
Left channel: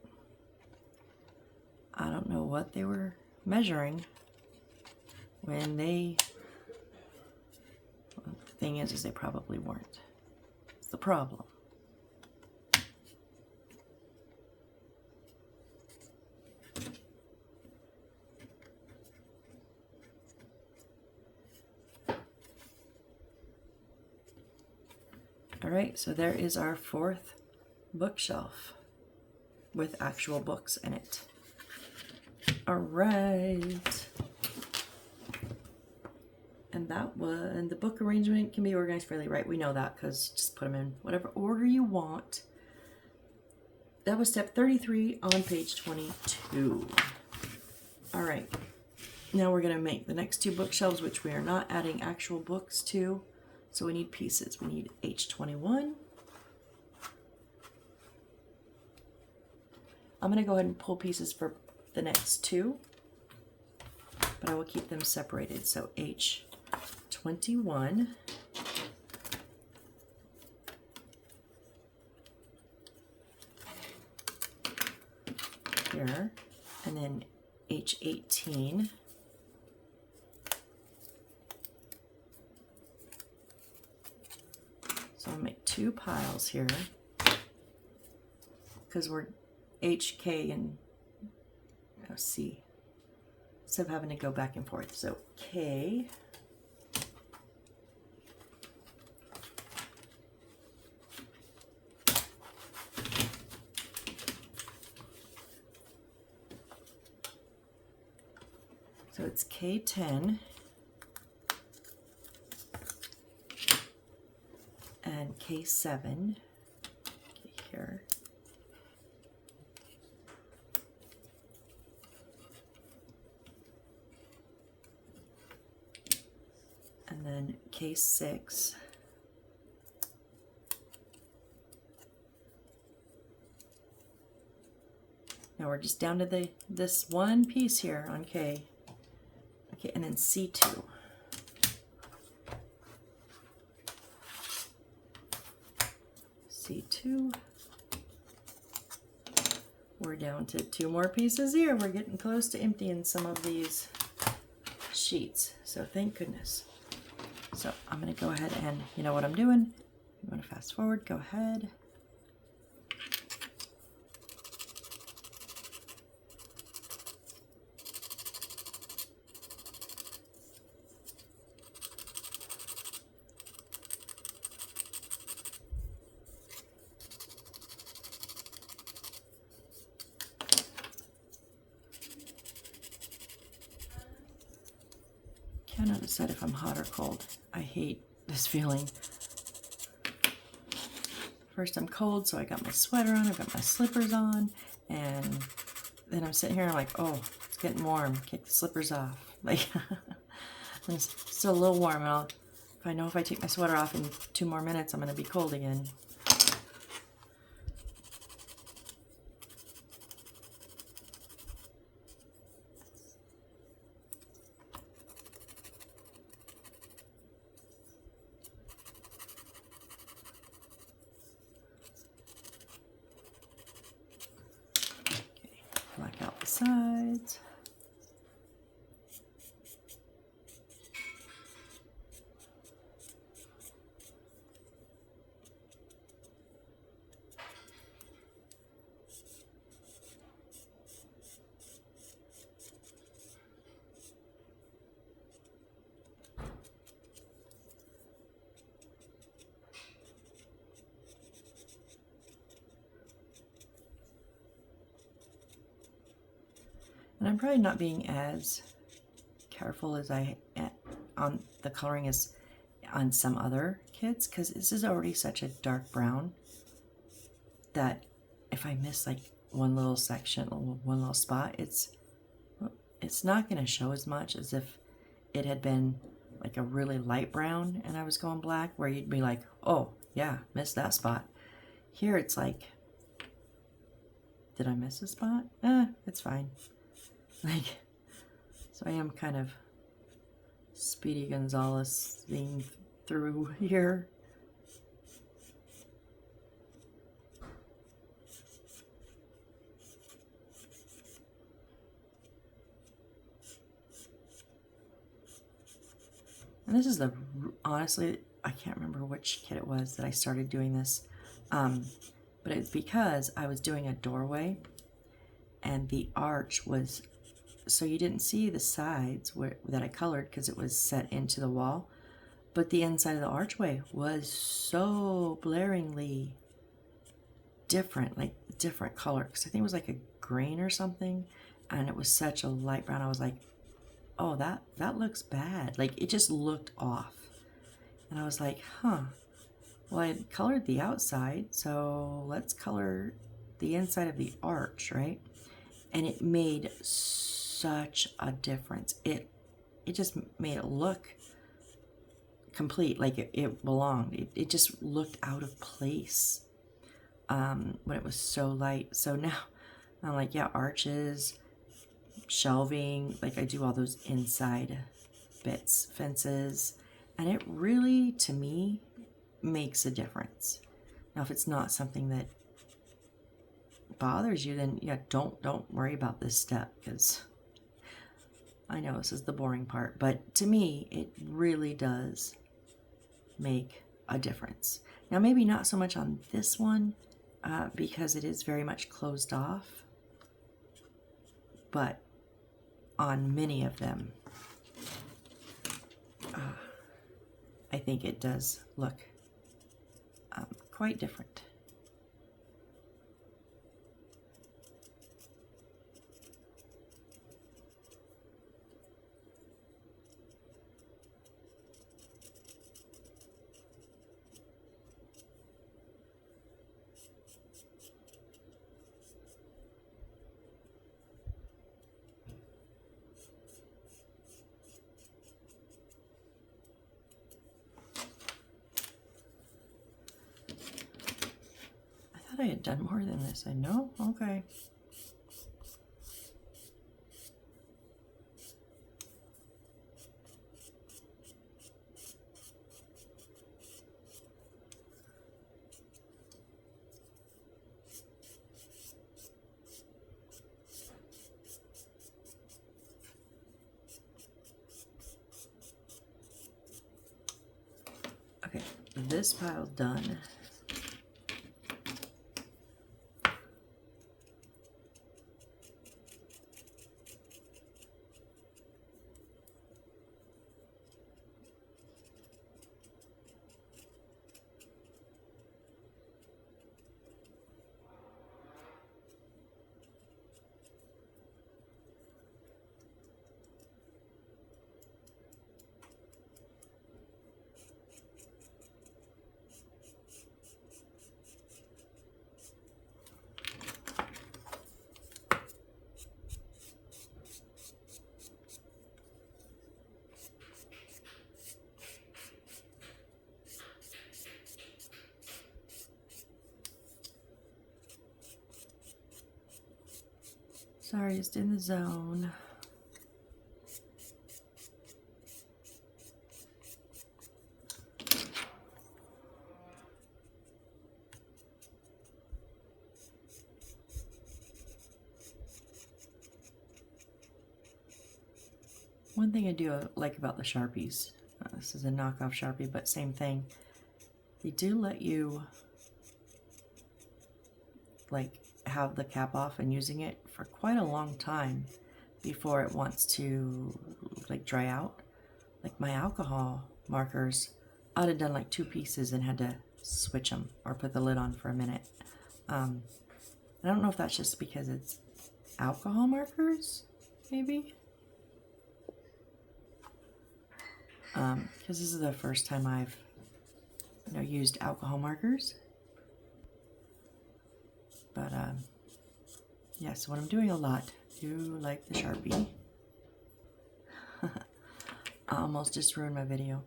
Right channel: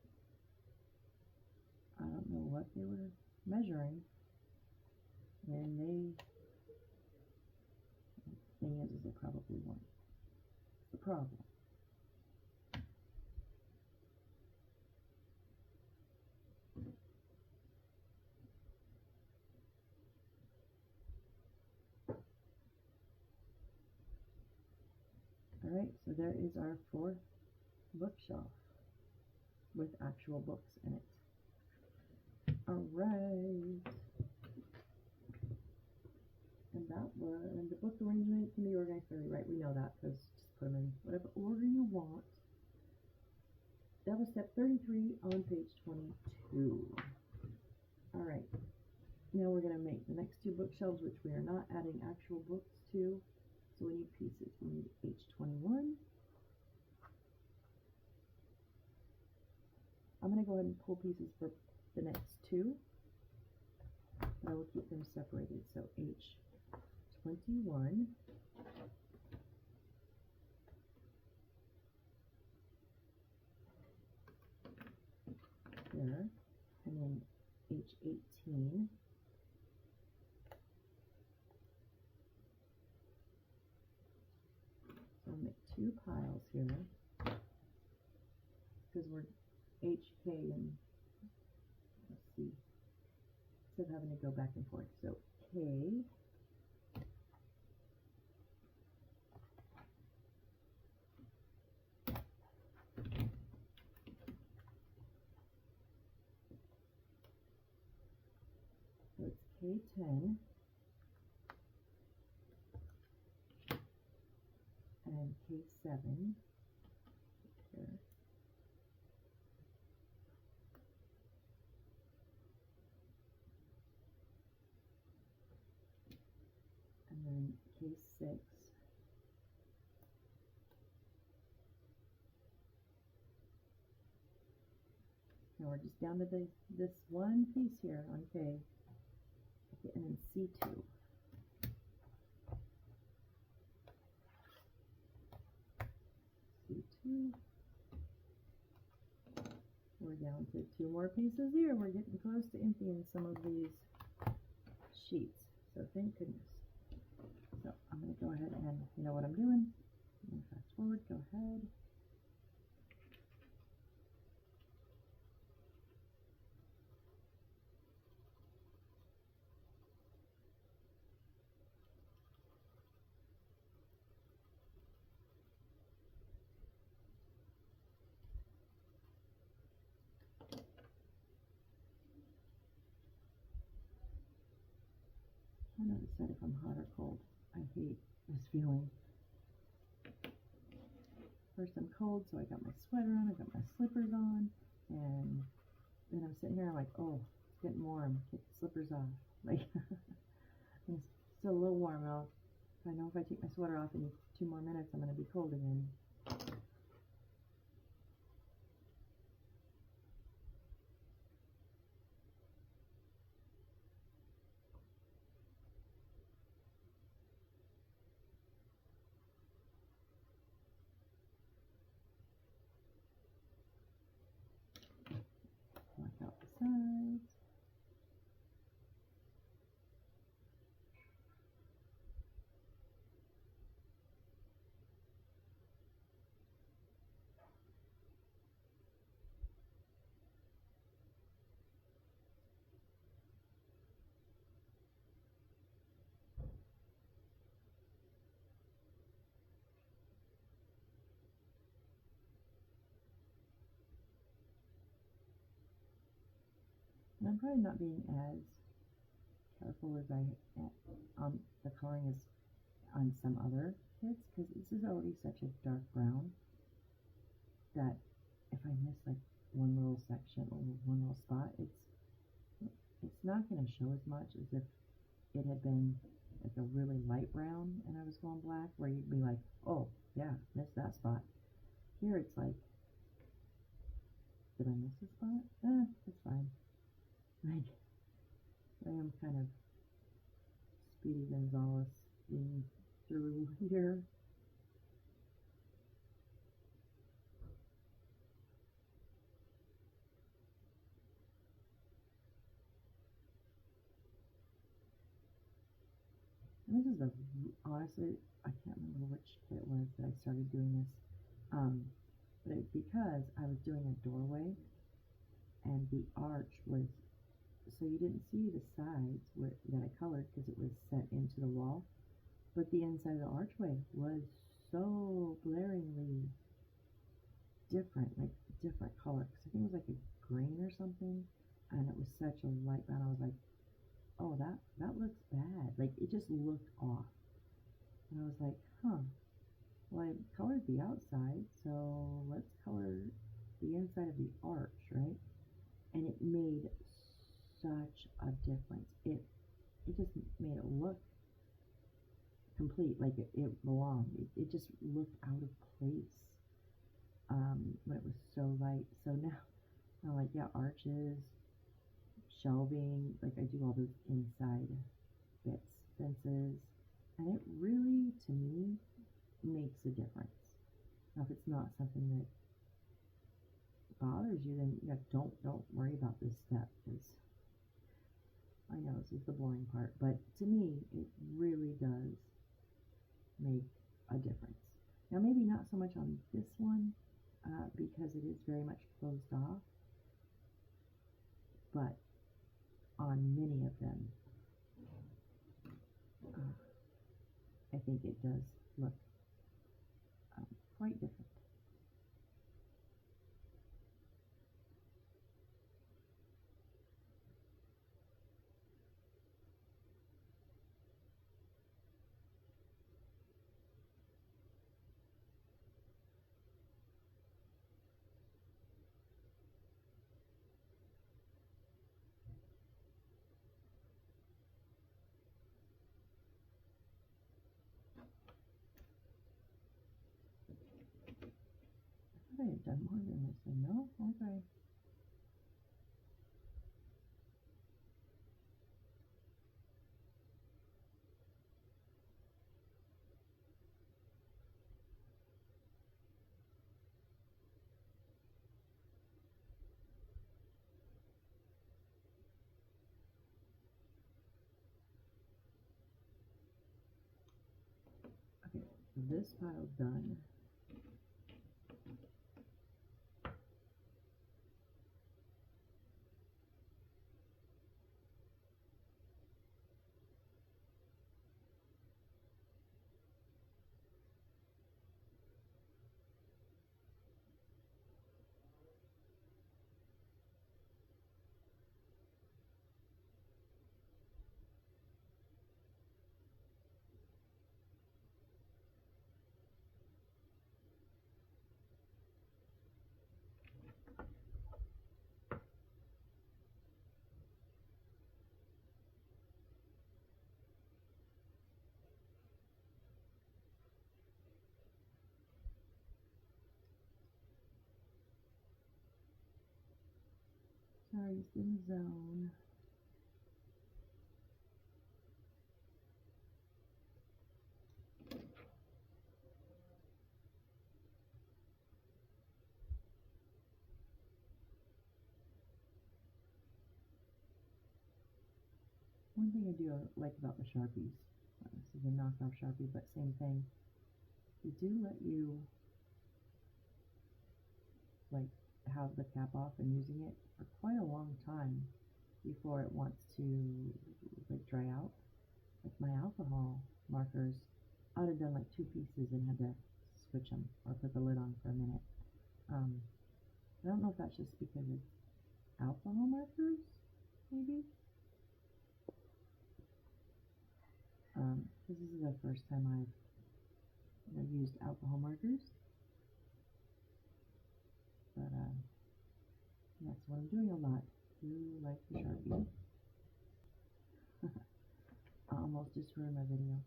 I don't know what they were measuring when they, well, the thing is they probably weren't. It's the problem. All right, so there is our 4th bookshelf with actual books in it. All right. And that one, the book arrangement can be organized fairly right. We know that because just put them in whatever order you want. That was step 33 on page 22. All right. Now we're going to make the next 2 bookshelves, which we are not adding actual books to. So we need pieces. We need H21. I'm going to go ahead and pull pieces for the next 2, but I will keep them separated. So H21. Here, and then H18. So I'll make 2 piles here because we're HK and C instead of having to go back and forth. So K, So it's K10 and K7 here. And then K6. Now we're just down to this one piece here on K. Okay, and then C2. C2. We're down to 2 more pieces here. We're getting close to emptying some of these sheets. So thank goodness. So I'm going to go ahead and, you know what I'm doing? I'm going to fast forward, go ahead. Cannot decide if I'm hot or cold. I hate this feeling. First I'm cold, so I got my sweater on, I've got my slippers on, and then I'm sitting here and I'm like, oh, it's getting warm. Kick the slippers off. Like, it's still a little warm. And if I know if I take my sweater off in 2 more minutes, I'm going to be cold again. Black out the sides. And I'm probably not being as careful as I am on the coloring as on some other kids, because this is already such a dark brown that if I miss like one little section, one little spot, it's not going to show as much as if it had been like a really light brown and I was going black, where you'd be like, oh yeah, missed that spot. Here it's like, did I miss a spot? It's fine. Like, so I am kind of Speedy Gonzales being through here. And this is honestly, I can't remember which kit it was that I started doing this. But it's because I was doing a doorway and the arch was, so you didn't see the sides that I colored because it was set into the wall, but the inside of the archway was so blaringly different, like different color, because I think it was like a green or something, and it was such a light brown. I was like, oh, that looks bad. Like, it just looked off. And I was like, huh, well, I had colored the outside, so let's color the inside of the arch, right? And it made such a difference. It just made it look complete, like it belonged. It just looked out of place when it was so light. So now I'm like, yeah, arches, shelving, like I do all those inside bits, fences, and it really, to me, makes a difference. Now, if it's not something that bothers you, then yeah, don't worry about this step, because I know this is the boring part, but to me, it really does make a difference. Now, maybe not so much on this one, because it is very much closed off, but on many of them, I think it does look quite different. I had done more than this. I know? Okay. Okay, this pile's done. Sorry, just in the zone. One thing I do like about the Sharpies, this is a knockoff Sharpie, but same thing. They do let you like have the cap off and using it for quite a long time before it wants to like dry out. Like my alcohol markers, I'd have done like 2 pieces and had to switch them or put the lid on for a minute. I don't know if that's just because it's alcohol markers, maybe. Because this is the first time I've used alcohol markers. But yeah, so what I'm doing a lot, do like the Sharpie. I almost just ruined my video.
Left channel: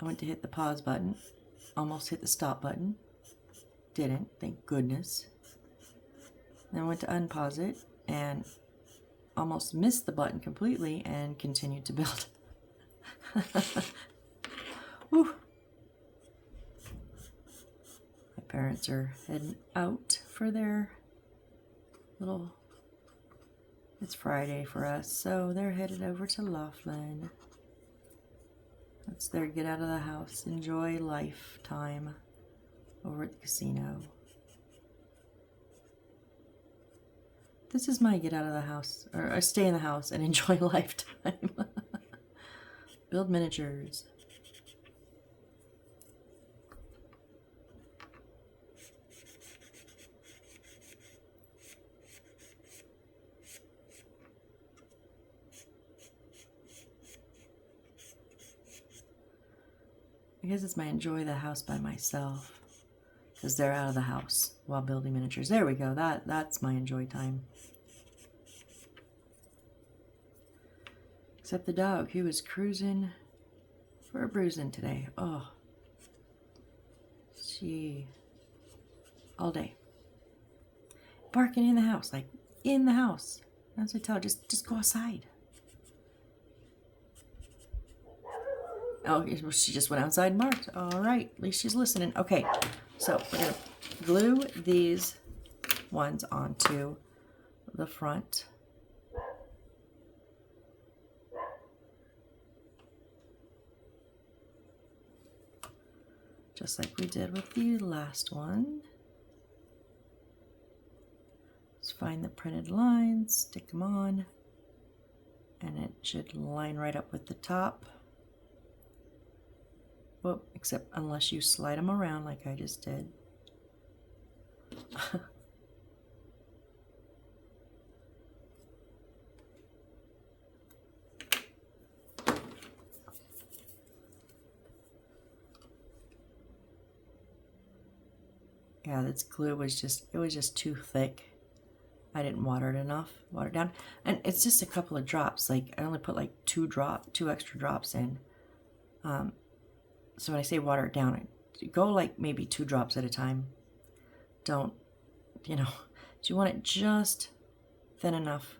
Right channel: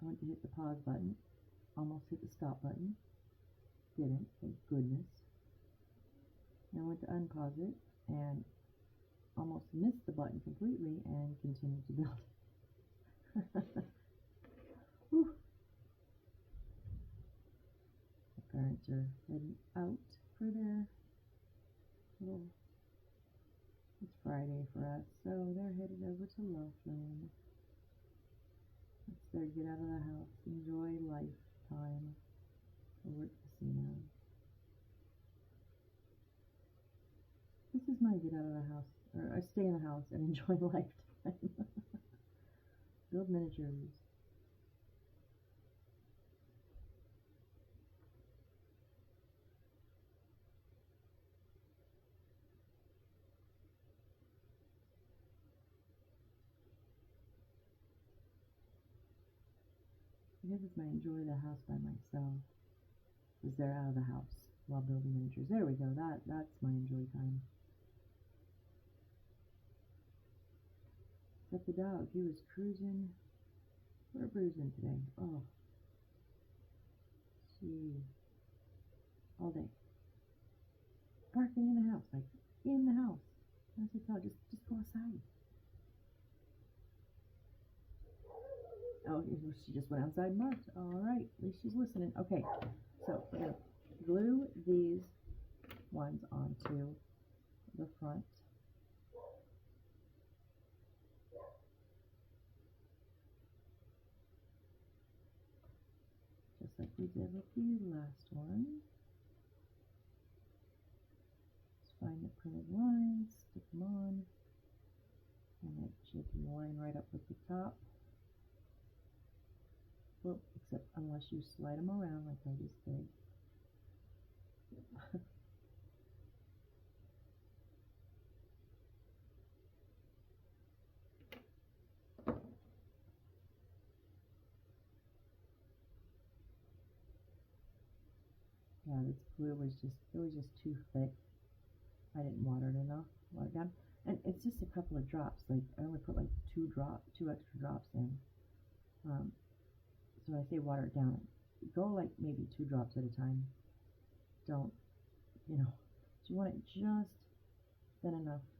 I went to hit the pause button, almost hit the stop button, didn't, thank goodness. Then I went to unpause it and almost missed the button completely and continued to build. Whew. My parents are heading out for their little, it's Friday for us, so they're headed over to Laughlin. That's their get out of the house, enjoy life time over at the casino. This is my get out of the house, or stay in the house and enjoy lifetime. Build miniatures. I guess it's my enjoy the house by myself, because they're out of the house while building miniatures. There we go. That's my enjoy time. Except the dog, he was cruising for a bruising today. Oh, all day. Barking in the house, like in the house. As I tell her, just go outside. Oh, she just went outside and barked. All right, at least she's listening. Okay, so we're gonna glue these ones onto the front. Just like we did with the last one. Just find the printed lines, stick them on, and it should line right up with the top. Well, except unless you slide them around like I just did. Yeah, this glue was just too thick. I didn't water it enough, water it down. And it's just a couple of drops. Like I only put like 2 extra drops in. So when I say water it down, go like maybe 2 drops at a time. don't, you know, you want it just thin enough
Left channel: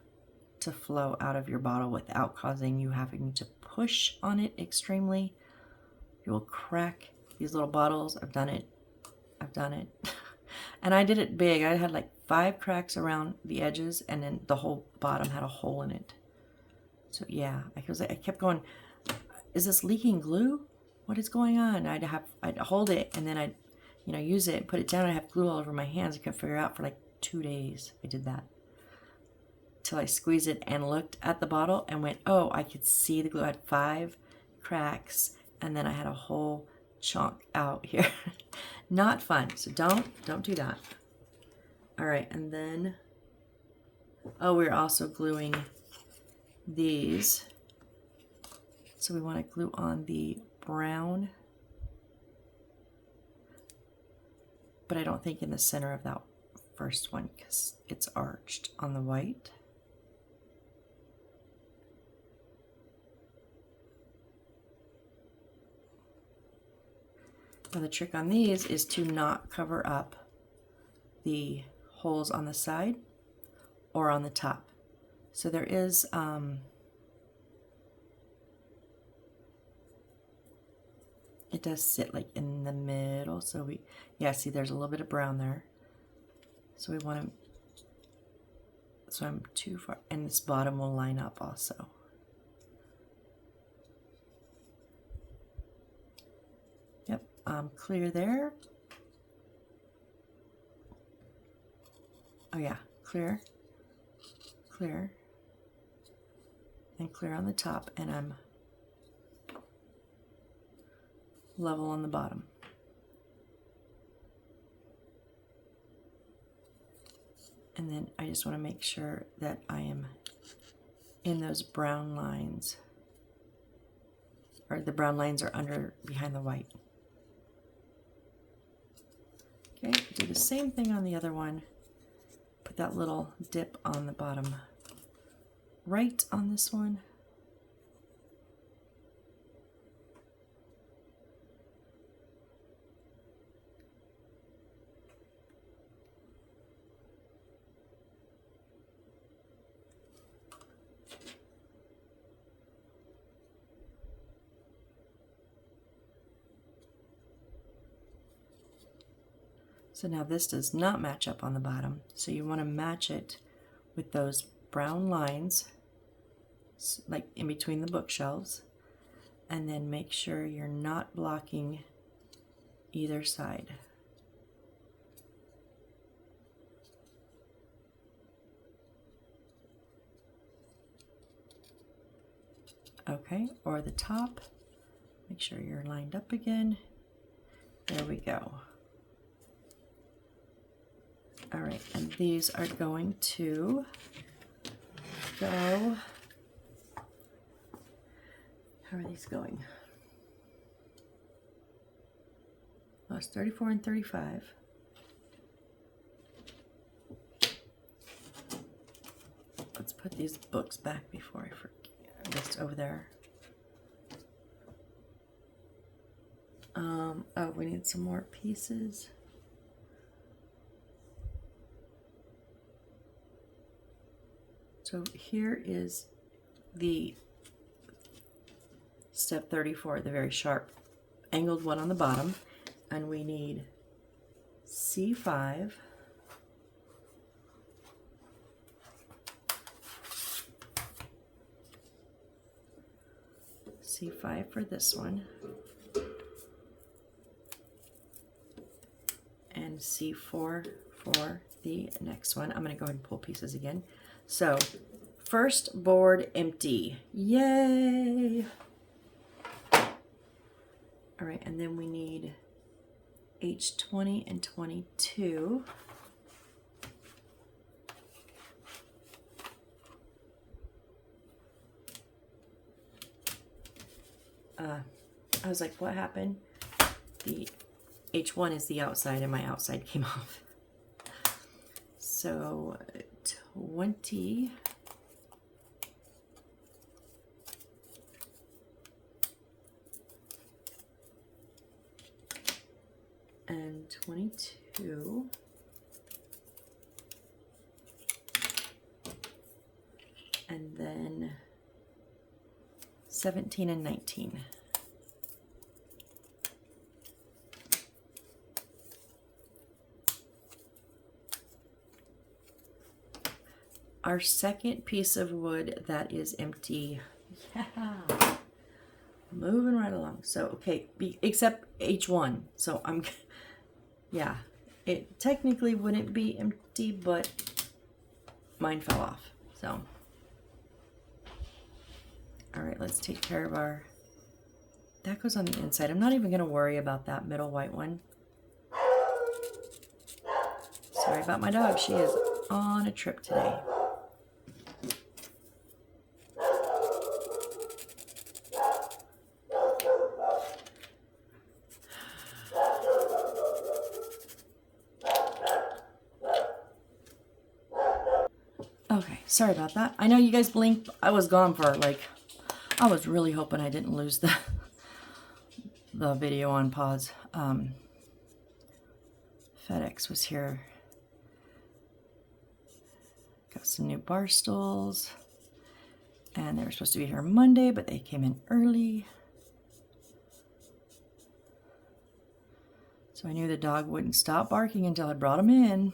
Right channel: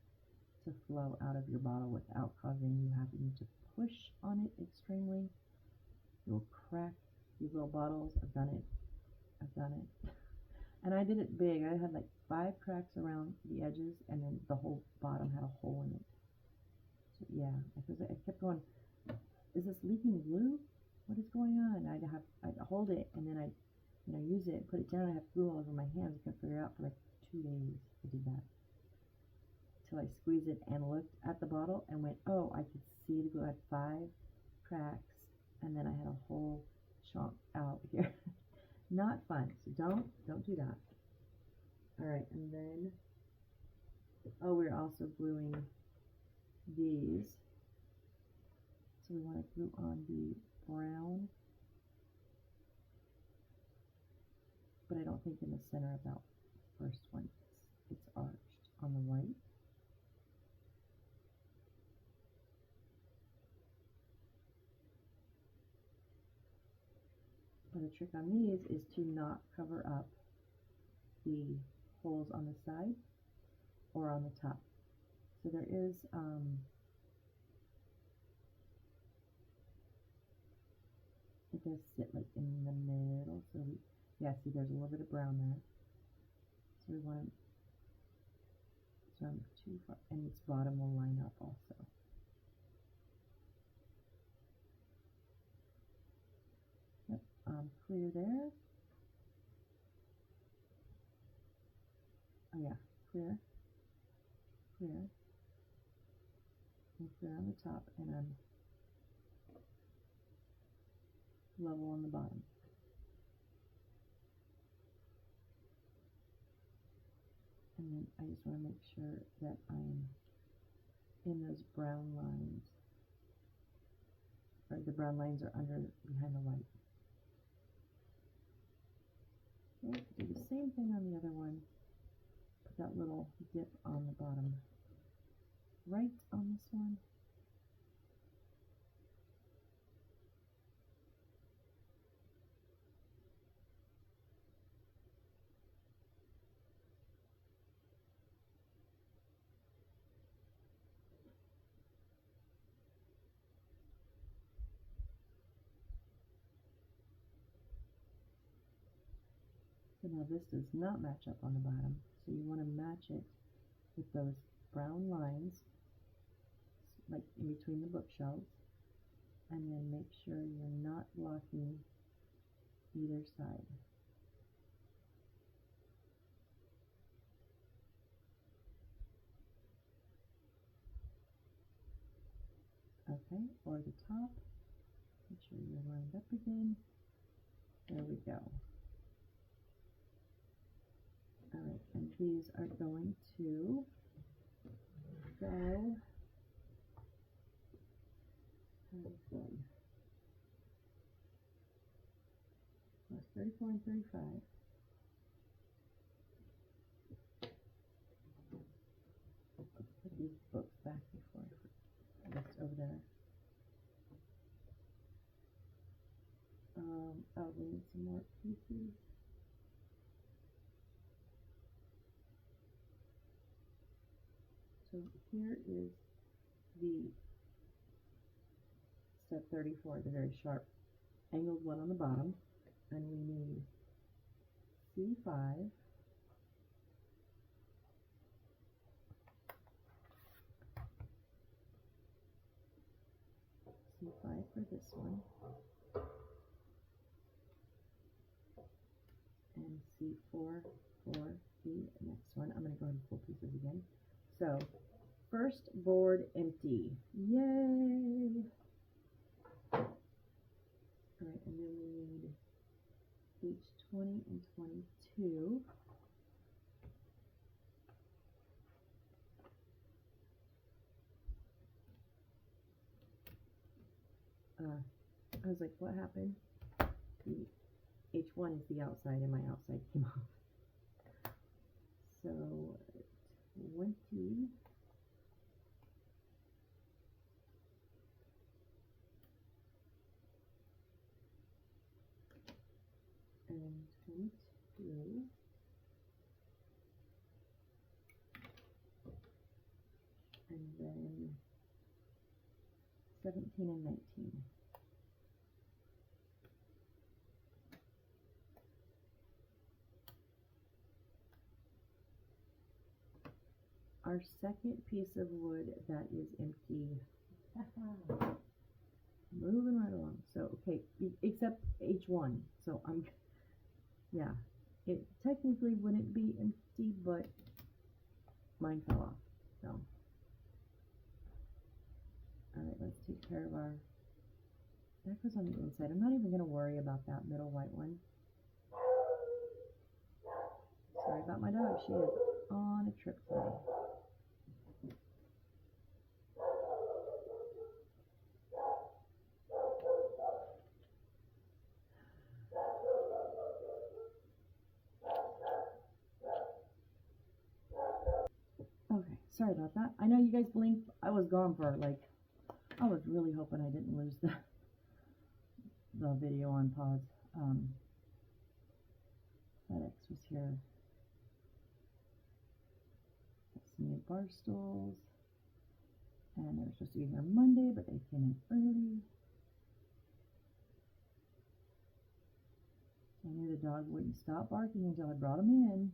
to flow out of your bottle without causing you having to push on it extremely. You will crack these little bottles. I've done it. And I did it big. I had like 5 cracks around the edges, and then the whole bottom had a hole in it. So yeah, I kept going, is this leaking glue? What is going on? I'd hold it, and then I'd, you know, use it, put it down, and I'd have glue all over my hands. I couldn't figure it out for like 2 days. I did that. Till I squeezed it and looked at the bottle and went, oh, I could see the glue. I had 5 cracks, and then I had a whole chunk out here. Not fun. So don't do that. All right, and then, oh, we're also gluing these. So we want to glue on the brown, but I don't think in the center of that first one because it's arched on the white. Now the trick on these is to not cover up the holes on the side or on the top. So there is it does sit like in the middle, so we, yeah, see there's a little bit of brown there. So we want to, so I'm too far, and this bottom will line up also. Yep, clear there. Oh yeah, clear, clear, and clear on the top, and I'm level on the bottom. And then I just want to make sure that I am in those brown lines, or the brown lines are under behind the white. Okay, do the same thing on the other one. Put that little dip on the bottom right on this one. So now this does not match up on the bottom, so you want to match it with those brown lines, like in between the bookshelves, and then make sure you're not blocking either side. Okay, or the top, make sure you're lined up again. There we go. All right, and these are going to go, how are these going? Oh, it's 34 and 35. Let's put these books back before I forget. Just over there. Oh, we need some more pieces. So here is the step 34, the very sharp angled one on the bottom, and we need C5, C5 for this one, and C4 for the next one. I'm going to go ahead and pull pieces again. So first board empty, yay! All right, and then we need H20 and 22. I was like, what happened? The H1 is the outside and my outside came off. So 20. And 22. and then 17 and 19. Our second piece of wood that is empty. Yeah. Moving right along. So, okay, except H1. So yeah, it technically wouldn't be empty, but mine fell off. So, all right, let's take care of our, that goes on the inside. I'm not even going to worry about that middle white one. Sorry about my dog. She is on a trip today. Okay, sorry about that. I know you guys blinked. I was gone for like, I was really hoping I didn't lose the video on pause. FedEx was here. Got some new bar stools. And they were supposed to be here Monday, but they came in early. So I knew the dog wouldn't stop barking until I brought him in.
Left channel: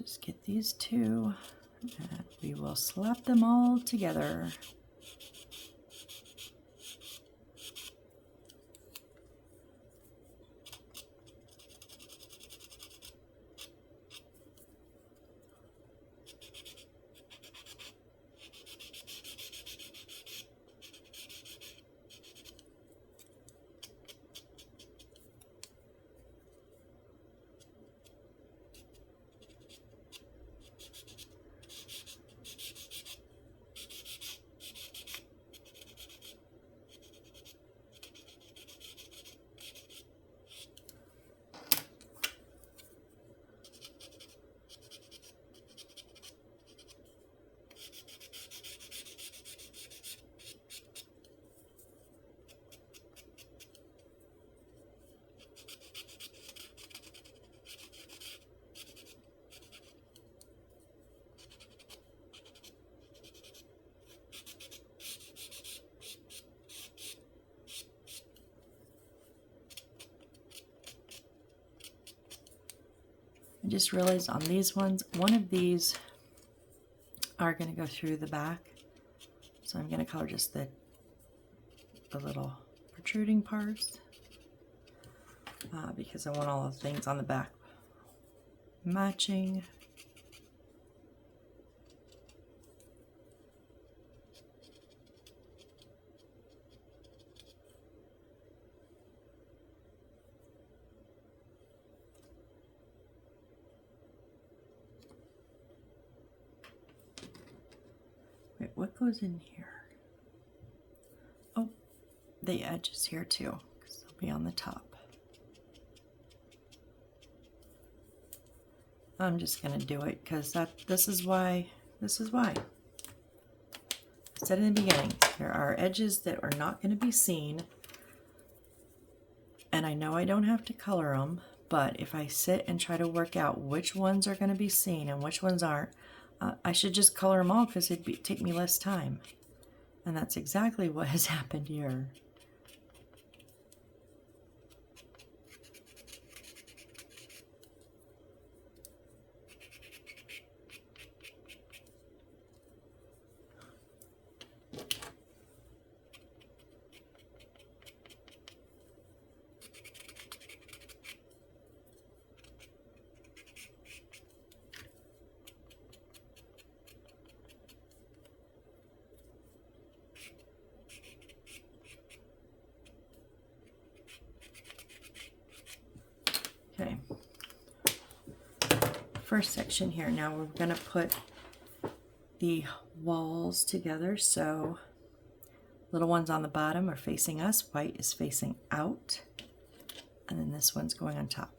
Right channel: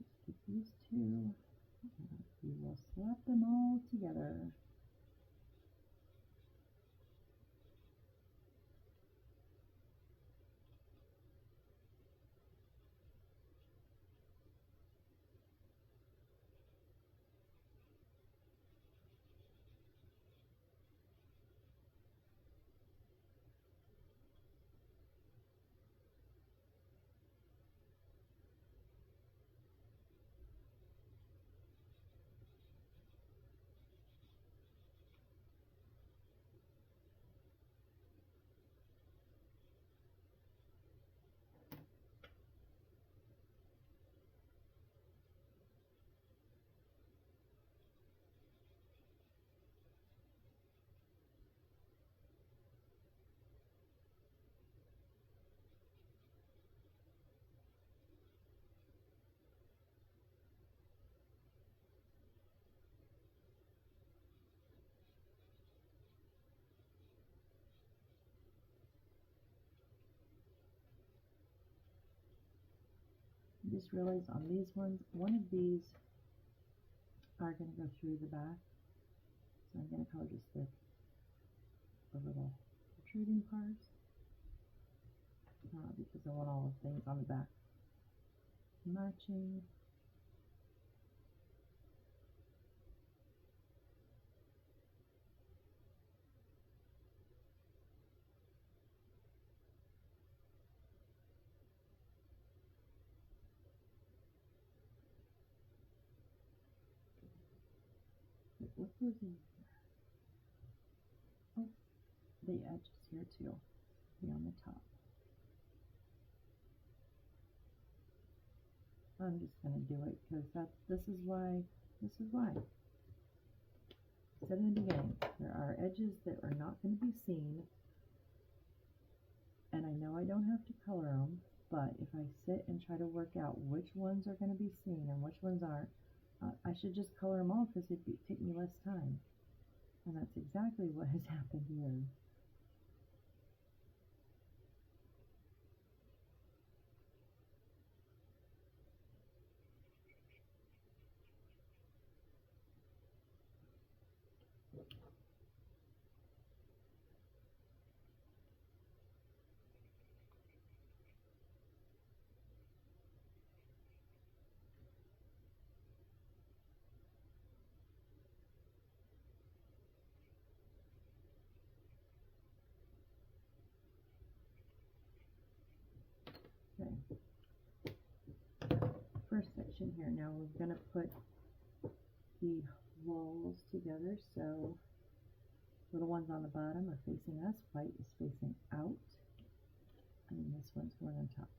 Just get these two, and we will slap them all together. I just realized on these ones, one of these are going to go through the back. So I'm going to color just the little protruding parts because I want all the things on the back matching. Wait, what goes in here? Oh, the edges here too, because they'll be on the top. I'm just gonna do it because this is why. I said in the beginning, there are edges that are not going to be seen, and I know I don't have to color them, but if I sit and try to work out which ones are going to be seen and which ones aren't, I should just color them all because it'd take me less time. And that's exactly what has happened here. first section here. Now we're going to put the walls together. So little ones on the bottom are facing us, white is facing out, and then this one's going on top.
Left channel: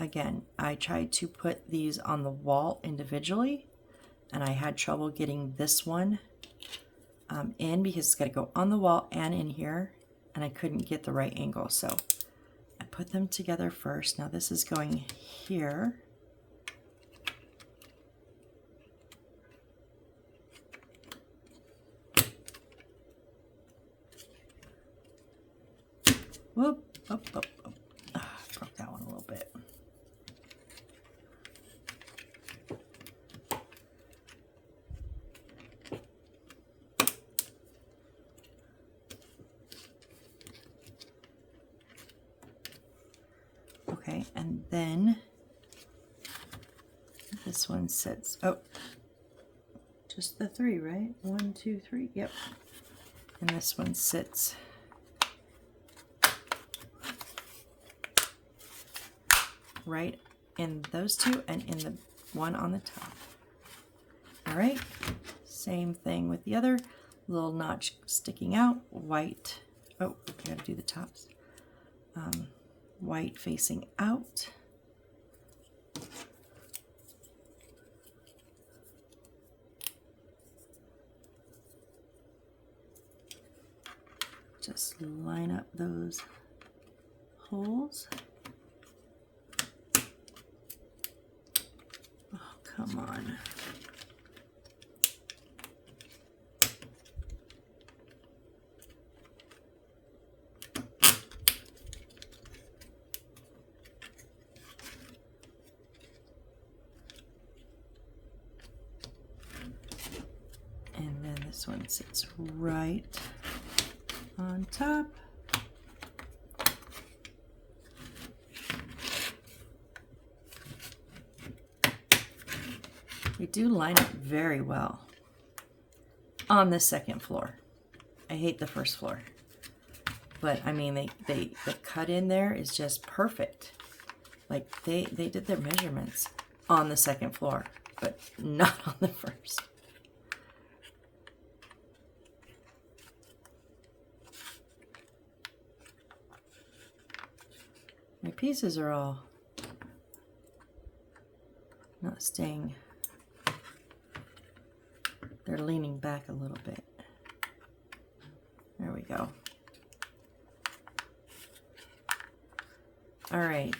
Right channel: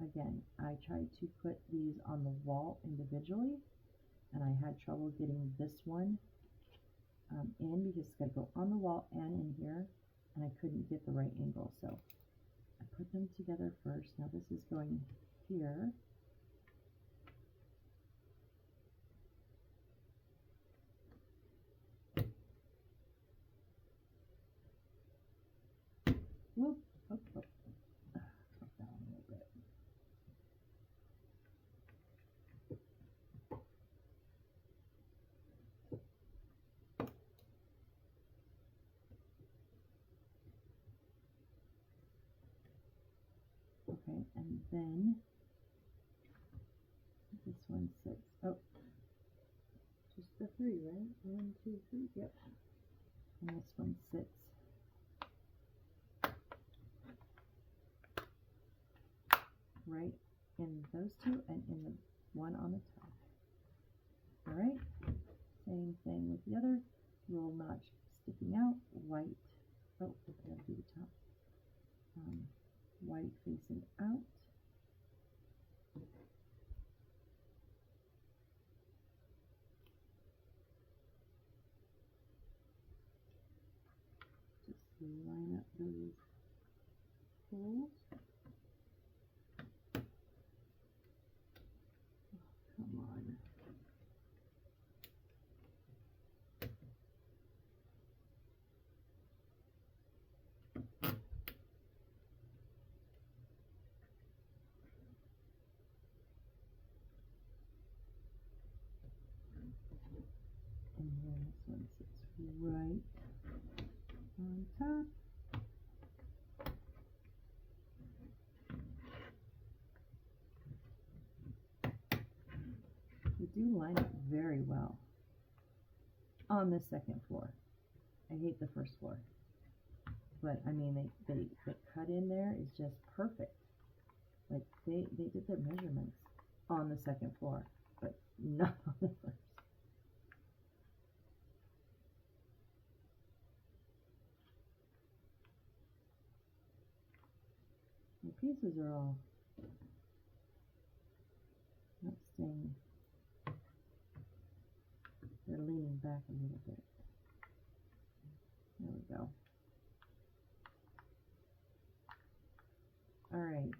Again, I tried to put these on the wall individually, and I had trouble getting this one in because it's got to go on the wall and in here, and I couldn't get the right angle. So I put them together first. Now this is going here. Whoop, up, up, up. Broke that one a little bit. Okay, and then this one sits, oh, just the 3, right? 1, 2, 3, yep. And this one sits right in those two and in the one on the top. All right, same thing with the other. Little notch sticking out, white. Oh, we gotta do the tops. White facing out. Just line up those holes. Come on. And then this one sits right on top. They do line up very well on the second floor. I hate the first floor, but I mean, the cut in there is just perfect. Like they did their measurements on the second floor, but not on the first. My pieces are all not staying. They're leaning back a little bit. There we go. All right.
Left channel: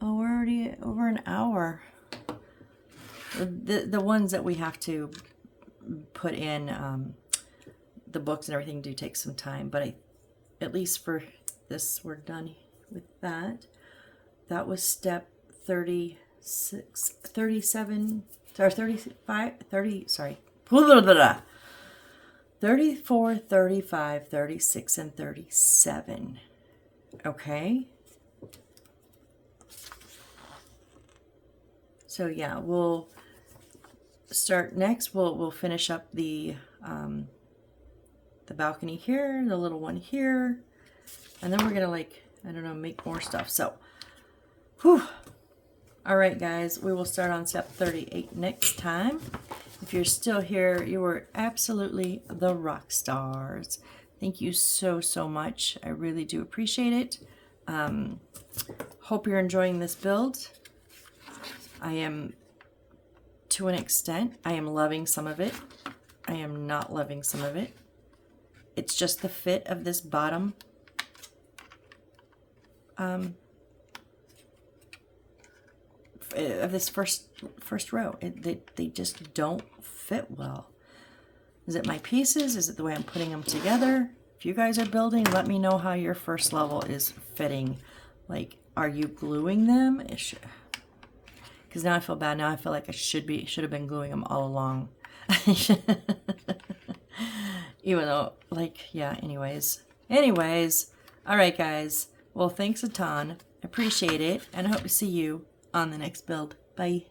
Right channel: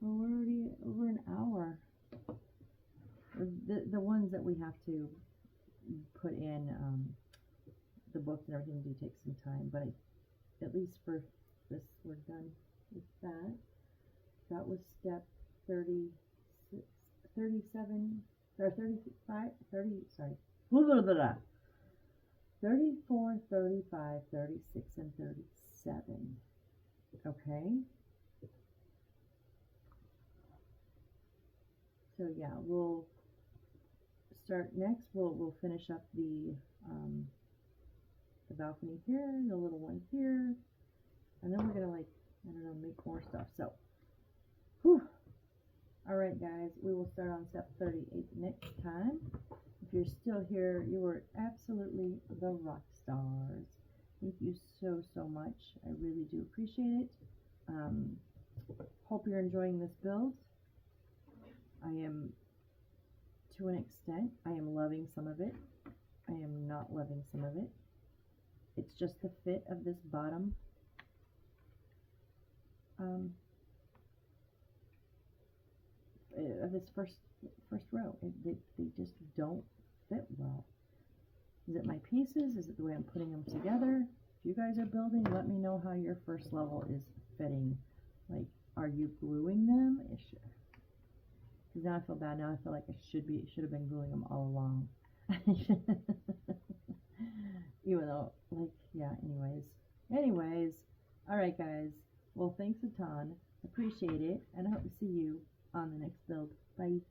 Oh, we're already over an hour. The ones that we have to put in, the books and everything do take some time, but at least for this, we're done with that. That was step 36, 37, or 35, 30, sorry. 34, 35, 36, and 37. Okay. So yeah, we'll start next. We'll finish up the balcony here, the little one here, and then we're gonna, like, I don't know, make more stuff. So, whew. All right, guys, we will start on step 38 next time. If you're still here, you were absolutely the rock stars. Thank you so, so much. I really do appreciate it. Hope you're enjoying this build. I am, to an extent, I am loving some of it. I am not loving some of it. It's just the fit of this bottom of this first row. They just don't fit well. Is it my pieces? Is it the way I'm putting them together? If you guys are building, let me know how your first level is fitting. Like, are you gluing them? Because now I feel bad. Now I feel like I should have been gluing them all along. Even though, like, yeah, anyways. All right, guys. Well, thanks a ton. Appreciate it. And I hope to see you on the next build. Bye.